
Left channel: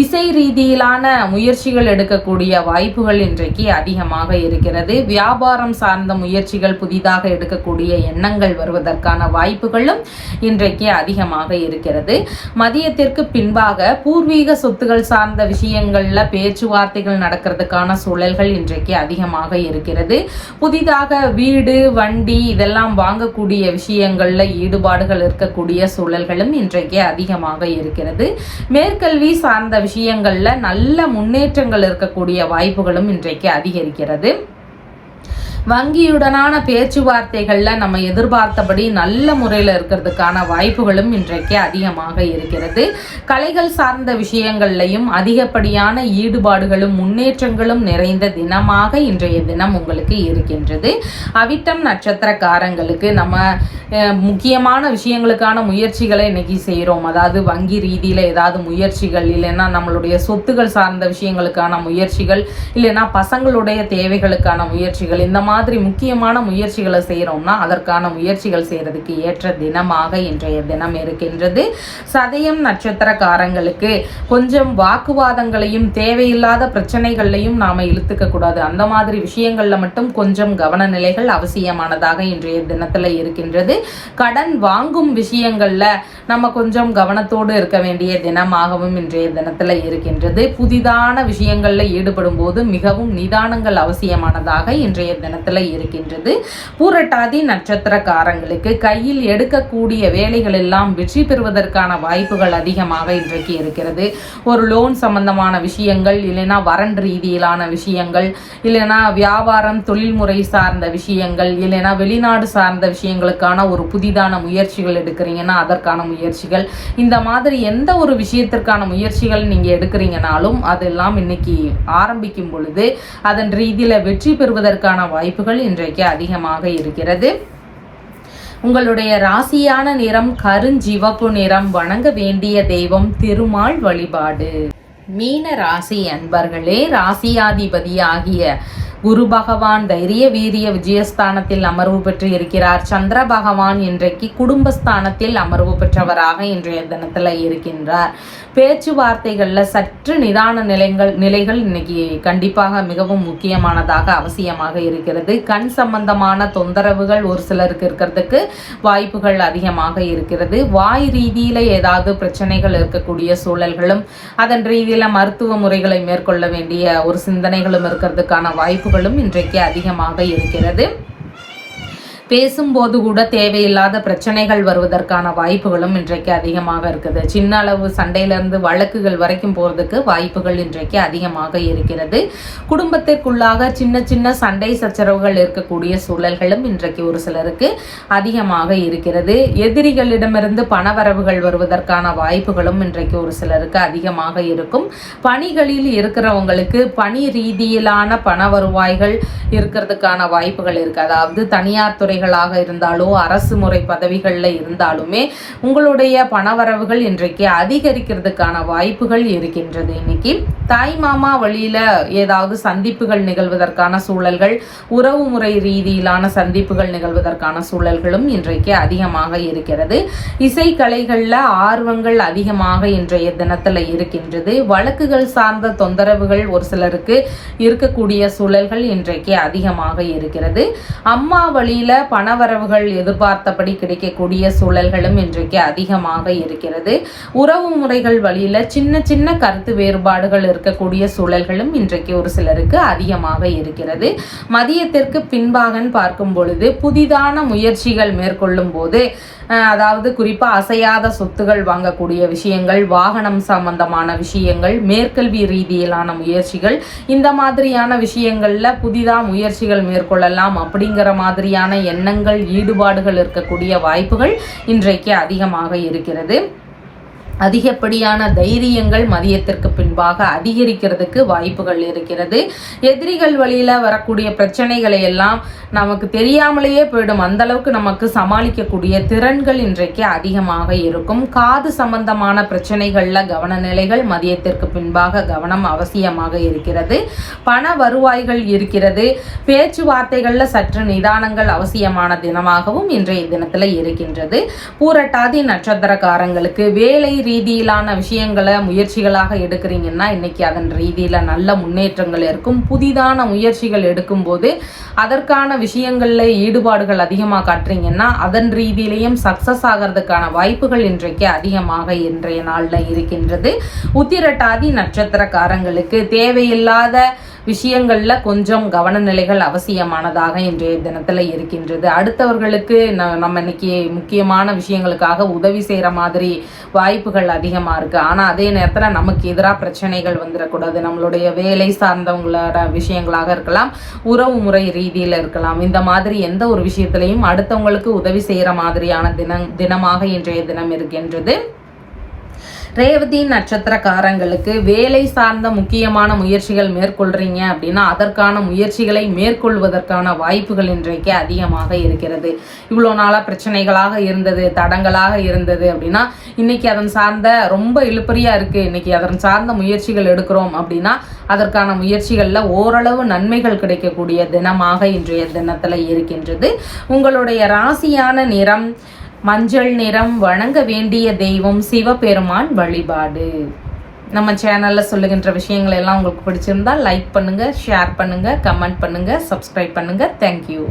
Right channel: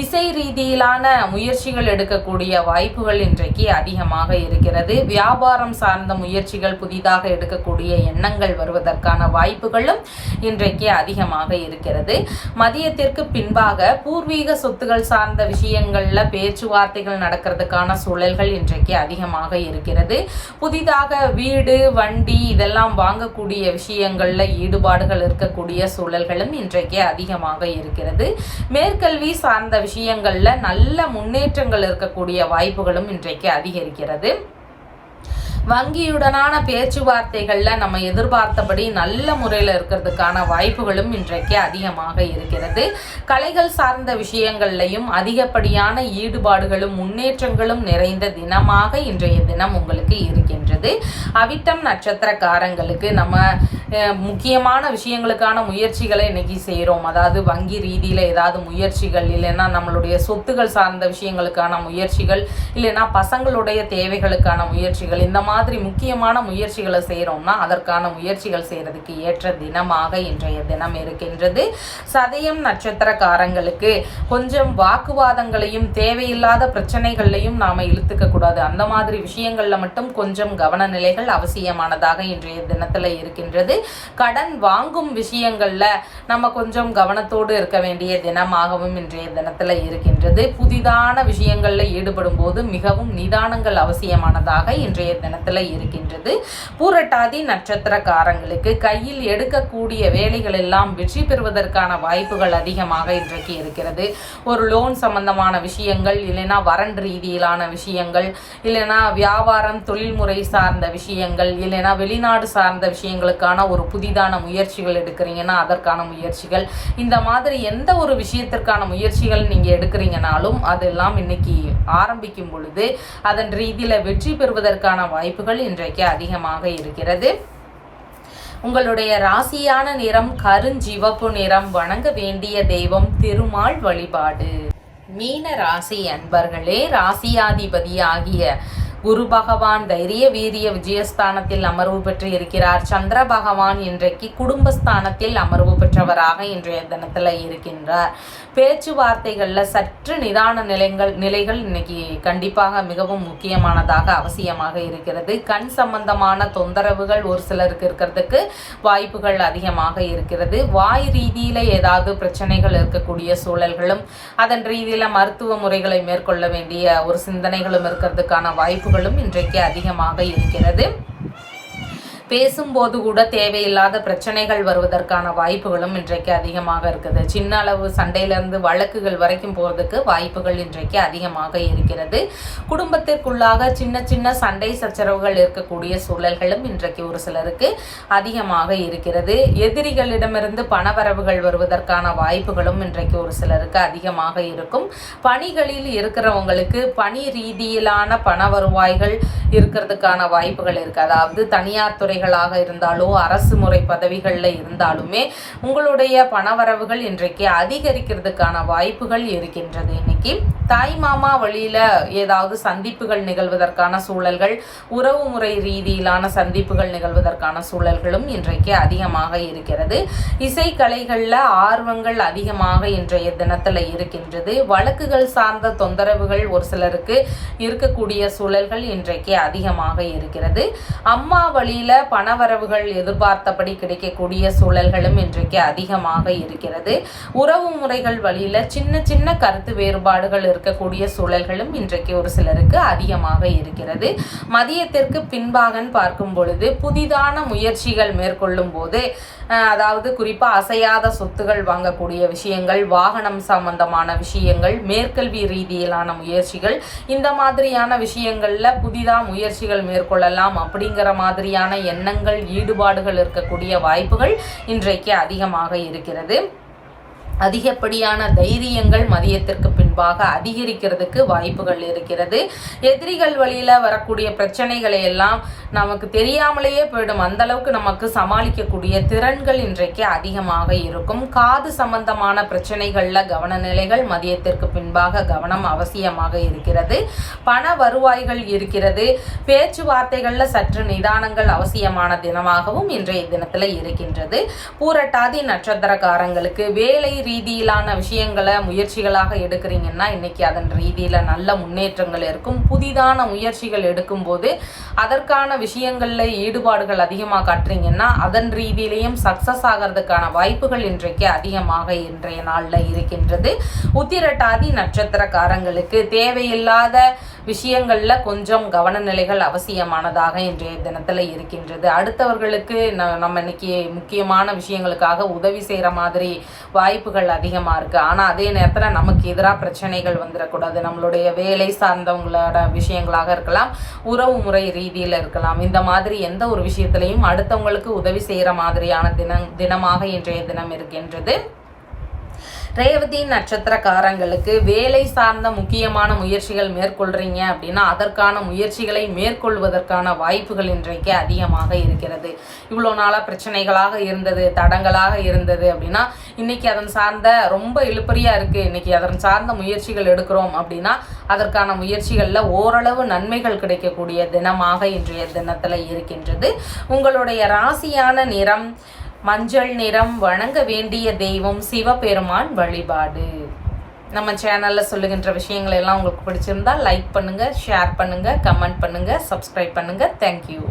இசை ரீதியிலான முயற்சிகள் எடுக்கக்கூடிய வாய்ப்புகள் இன்றைக்கு அதிகமாக இருக்கிறது. வியாபாரம் சார்ந்த முயற்சிகள் புதிதாக எடுக்கக்கூடிய எண்ணங்கள் வருவதற்கான வாய்ப்புகளும் இன்றைக்கு அதிகமாக இருக்கிறது. மதியத்திற்கு பின்பாக பூர்வீக சொத்துகள் சார்ந்த விஷயங்கள்ல பேச்சுவார்த்தைகள் நடக்கிறதுக்கான சூழல்கள் இன்றைக்கு அதிகமாக இருக்கிறது. புதிதாக வீடு வண்டி இதெல்லாம் வாங்கக்கூடிய விஷயங்கள்ல ஈடுபாடுகள் இருக்கக்கூடிய சூழல்களும் இன்றைக்கு அதிகமாக இருக்கிறது. மேற்கல்வி சார்ந்த விஷயங்கள்ல நல்ல முன்னேற்றங்கள் இருக்கக்கூடிய வாய்ப்புகளும் இன்றைக்கு அதிகரிக்கிறது. வங்கியுடனான பேச்சுவார்த்தைகள்ல நம்ம எதிர்பார்த்தபடி நல்ல முறையில் இருக்கிறதுக்கான வாய்ப்புகளும் இன்றைக்கு அதிகமாக இருக்கிறது. கலைகள் சார்ந்த விஷயங்கள்லையும் அதிகப்படியான ஈடுபாடுகளும் முன்னேற்றங்களும் நிறைந்த தினமாக இன்றைய தினம் உங்களுக்கு இருக்கின்றது. அவிட்டம் நட்சத்திரக்காரங்களுக்கு நம்ம முக்கியமான விஷயங்களுக்கான முயற்சிகளை இன்னைக்கு செய்கிறோம். அதாவது வங்கி ரீதியில ஏதாவது முயற்சிகள், இல்லைன்னா நம்மளுடைய சொத்துகள் சார்ந்த விஷயங்களுக்கான முயற்சிகள், இல்லைன்னா பசங்களுடைய தேவைகளுக்கான முயற்சிகள், இந்த மாதிரி முக்கியமான முயற்சிகளை செய்யறோம்னா அதற்கான முயற்சிகள் செய்யறதுக்கு ஏற்ற தினமாக இன்றைய தினம் இருக்கின்றது. சதயம் நட்சத்திரக்காரங்களுக்கு கொஞ்சம் வாக்குவாதங்களையும் தேவையில்லாத பிரச்சனைகளையும் நாம இழுத்துக்க கூடாது. அந்த மாதிரி விஷயங்கள்ல மட்டும் கொஞ்சம் கவன நிலைகள் அவசியமானதாக இன்றைய தினத்துல இருக்கின்றது. கடன் வாங்கும் விஷயங்கள்ல நம்ம கொஞ்சம் கவனத்தோடு இருக்க வேண்டிய தினமாகவும் இன்றைய தினத்துல இருக்கின்றது. புதிதான விஷயங்கள்ல ஈடுபடும் போது மிகவும் நிதானங்கள் அவசியமானதாக இன்றைய தினத்துல தினத்துல இருக்கின்றது. பூரட்டாதி நட்சத்திரக்காரங்களுக்கு கையில் எடுக்கக்கூடிய வேலைகள் எல்லாம் வெற்றி பெறுவதற்கான வாய்ப்புகள் அதிகமாக இன்றைக்கு இருக்கிறது. ஒரு லோன் சம்பந்தமான விஷயங்கள், இல்லைன்னா வரன் ரீதியிலான விஷயங்கள், இல்லைன்னா வியாபாரம் தொழில்முறை சார்ந்த விஷயங்கள், இல்லைன்னா வெளிநாடு சார்ந்த விஷயங்களுக்கான ஒரு புதிதான முயற்சிகள் எடுக்கிறீங்கன்னா அதற்கான முயற்சிகள், இந்த மாதிரி எந்த ஒரு விஷயத்திற்கான முயற்சிகள் நீங்க எடுக்கிறீங்கனாலும் அதெல்லாம் இன்னைக்கு ஆரம்பிக்கும் பொழுது அதன் ரீதியில வெற்றி பெறுவதற்கான வாய்ப்புகள் இன்றைக்கு அதிகமாக இருக்கிறது. உங்களுடைய ராசியான நிறம் கருஞ்சிவப்பு நிறம். வணங்க வேண்டிய தெய்வம் திருமால் வழிபாடு. மீன ராசி அன்பர்களே, ராசியாதிபதி ஆகிய குரு பகவான் தைரிய வீரிய விஜயஸ்தானத்தில் அமர்வு பெற்று இருக்கிறார். சந்திர பகவான் இன்றைக்கு குடும்பஸ்தானத்தில் அமர்வு பெற்றவராக இன்றைய தினத்துல இருக்கின்றார். பேச்சுவார்த்தைகள்ல சற்று நிதான நிலைகள் இன்னைக்கு கண்டிப்பாக மிகவும் முக்கியமானதாக அவசியமாக இருக்கிறது. கண் சம்பந்தமான தொந்தரவுகள் ஒரு சிலருக்கு இருக்கிறதுக்கு வாய்ப்புகள் அதிகமாக இருக்கிறது. வாய் ரீதியில ஏதாவது பிரச்சனைகள் இருக்கக்கூடிய சூழல்களும், அதன் ரீதியில மருத்துவ முறைகளை மேற்கொள்ள வேண்டிய ஒரு சிந்தனைகளும் இருக்கிறதுக்கான வாய்ப்புகளும் இன்றைக்கு அதிகமாக இருக்கிறது. பேசும்போது கூட தேவையில்லாத பிரச்சனைகள் வருவதற்கான வாய்ப்புகளும் இன்றைக்கு அதிகமாக இருக்குது. சின்ன அளவு சண்டையிலிருந்து வழக்குகள் வரைக்கும் போறதுக்கு வாய்ப்புகள் இன்றைக்கு அதிகமாக இருக்கிறது. குடும்பத்திற்குள்ளாக சின்ன சின்ன சண்டை சச்சரவுகள் இருக்கக்கூடிய சூழல்களும் இன்றைக்கு ஒரு சிலருக்கு அதிகமாக இருக்கிறது. எதிரிகளிடமிருந்து பணவரவுகள் வருவதற்கான வாய்ப்புகளும் இன்றைக்கு ஒரு சிலருக்கு அதிகமாக இருக்கும். பணிகளில் இருக்கிறவங்களுக்கு பணி ரீதியிலான பண வருவாய்கள் இருக்கிறதுக்கான வாய்ப்புகள் இருக்கு. அதாவது தனியார் துறை இருந்தாலோ அரசு முறை பதவிகள்ல இருந்தாலுமே உங்களுடைய பணவரவுகள் இன்றைக்கு அதிகரிக்கிறதுக்கான வாய்ப்புகள் இருக்கின்றது. இன்னைக்கு தாய் மாமா வழியில ஏதாவது சந்திப்புகள் நிகழ்வதற்கான சூழல்கள், உறவு முறை ரீதியிலான சந்திப்புகள் நிகழ்வதற்கான சூழல்களும் இன்றைக்கு அதிகமாக இருக்கிறது. இசை கலைகள்ல ஆர்வங்கள் அதிகமாக இன்றைய தினத்துல இருக்கின்றது. வழக்குகள் சார்ந்த தொந்தரவுகள் ஒரு சிலருக்கு இருக்கக்கூடிய சூழல்கள் இன்றைக்கு அதிகமாக இருக்கிறது. அம்மா வழியில பணவரவுகள் எதிர்பார்த்தபடி கிடைக்கக்கூடிய சூழல்களும் இன்றைக்கு அதிகமாக இருக்கிறது. உறவு முறைகள் வழியில சின்ன சின்ன கருத்து வேறுபாடுகள் இருக்கக்கூடிய சூழல்களும் இன்றைக்கு ஒரு சிலருக்கு அதிகமாக இருக்கிறது. மதியத்திற்கு பின்பாக பார்க்கும் பொழுது புதிதான முயற்சிகள் மேற்கொள்ளும் போது, அதாவது குறிப்பா அசையாத சொத்துகள் வாங்கக்கூடிய விஷயங்கள், வாகனம் சம்பந்தமான விஷயங்கள், மேற்கல்வி ரீதியிலான முயற்சிகள், இந்த மாதிரியான விஷயங்கள்ல புதிதா முயற்சிகள் மேற்கொள்ளலாம் அப்படிங்கிற மாதிரியான எண்ணங்கள், ஈடுபாடுகள் இருக்கக்கூடிய வாய்ப்புகள் இன்றைக்கு அதிகமாக இருக்கிறது. அதிகப்படியான தைரியங்கள் மதியத்திற்கு பின்பாக அதிகரிக்கிறதுக்கு வாய்ப்புகள் இருக்கிறது. எதிரிகள் வழியில வரக்கூடிய பிரச்சனைகளை எல்லாம் நமக்கு தெரியாமலேயே போயிடும். அந்த அளவுக்கு நமக்கு சமாளிக்கக்கூடிய திறன்கள் இன்றைக்கு அதிகமாக இருக்கும். காது சம்பந்தமான பிரச்சனைகள்ல கவன நிலைகள் மதியத்திற்கு பின்பாக கவனம் அவசியமாக இருக்கிறது. பண வருவாய்கள் இருக்கிறது. பேச்சுவார்த்தைகள்ல சற்று நிதானங்கள் அவசியமான தினமாகவும் இன்றைய தினத்துல இருக்கின்றது. பூரட்டாதி நட்சத்திரக்காரங்களுக்கு வேலை ரீதியிலான விஷயங்களை முயற்சிகளாக எடுக்கிறீங்கன்னா இன்னைக்கு அதன் ரீதியில நல்ல முன்னேற்றங்கள் இருக்கும். புதிதான முயற்சிகள் எடுக்கும் போது அதற்கான விஷயங்கள்ல ஈடுபாடுகள் அதிகமாக காட்டுறீங்கன்னா அதன் ரீதியிலையும் சக்சஸ் ஆகிறதுக்கான வாய்ப்புகள் இன்றைக்கு அதிகமாக இன்றைய நாள்ல இருக்கின்றது. உத்திரட்டாதி நட்சத்திரக்காரங்களுக்கு தேவையில்லாத விஷயங்கள்ல கொஞ்சம் கவன நிலைகள் அவசியமானதாக இன்றைய தினத்துல இருக்கின்றது. அடுத்தவர்களுக்கு நம்ம இன்னைக்கு முக்கியமான விஷயங்களுக்காக உதவி செய்யற மாதிரி வாய்ப்புகள் அதிகமா இருக்கு. ஆனா அதே நேரத்துல நமக்கு எதிராக பிரச்சனைகள் வந்துடக்கூடாது. நம்மளுடைய வேலை சார்ந்தவங்களோட விஷயங்களாக இருக்கலாம், உறவு முறை ரீதியில இருக்கலாம். இந்த மாதிரி எந்த ஒரு விஷயத்திலையும் அடுத்தவங்களுக்கு உதவி செய்யற மாதிரியான தினமாக இன்றைய தினம் இருக்கின்றது. ரேவதி நட்சத்திரக்காரங்களுக்கு வேலை சார்ந்த முக்கியமான முயற்சிகள் மேற்கொள்றீங்க அப்படின்னா அதற்கான முயற்சிகளை மேற்கொள்வதற்கான வாய்ப்புகள் இன்றைக்கு அதிகமாக இருக்கிறது. இவ்வளோ நாளா பிரச்சனைகளாக இருந்தது, தடங்களாக இருந்தது அப்படின்னா இன்னைக்கு அதன் சார்ந்த ரொம்ப இழுப்பறியா இருக்கு, இன்னைக்கு அதன் சார்ந்த முயற்சிகள் எடுக்கிறோம் அப்படின்னா அதற்கான முயற்சிகள்ல ஓரளவு நன்மைகள் கிடைக்கக்கூடிய தினமாக இன்றைய தினத்துல இருக்கின்றது. உங்களுடைய ராசியான நிறம் மஞ்சள் நிறம். வணங்க வேண்டிய தெய்வம் சிவபெருமான் வழிபாடு. நம்ம சேனல்ல சொல்லுகின்ற விஷயங்கள் எல்லாம் உங்களுக்கு பிடிச்சிருந்தா லைக் பண்ணுங்க, ஷேர் பண்ணுங்க, கமெண்ட் பண்ணுங்க, சப்ஸ்கிரைப் பண்ணுங்க. தேங்க்யூ.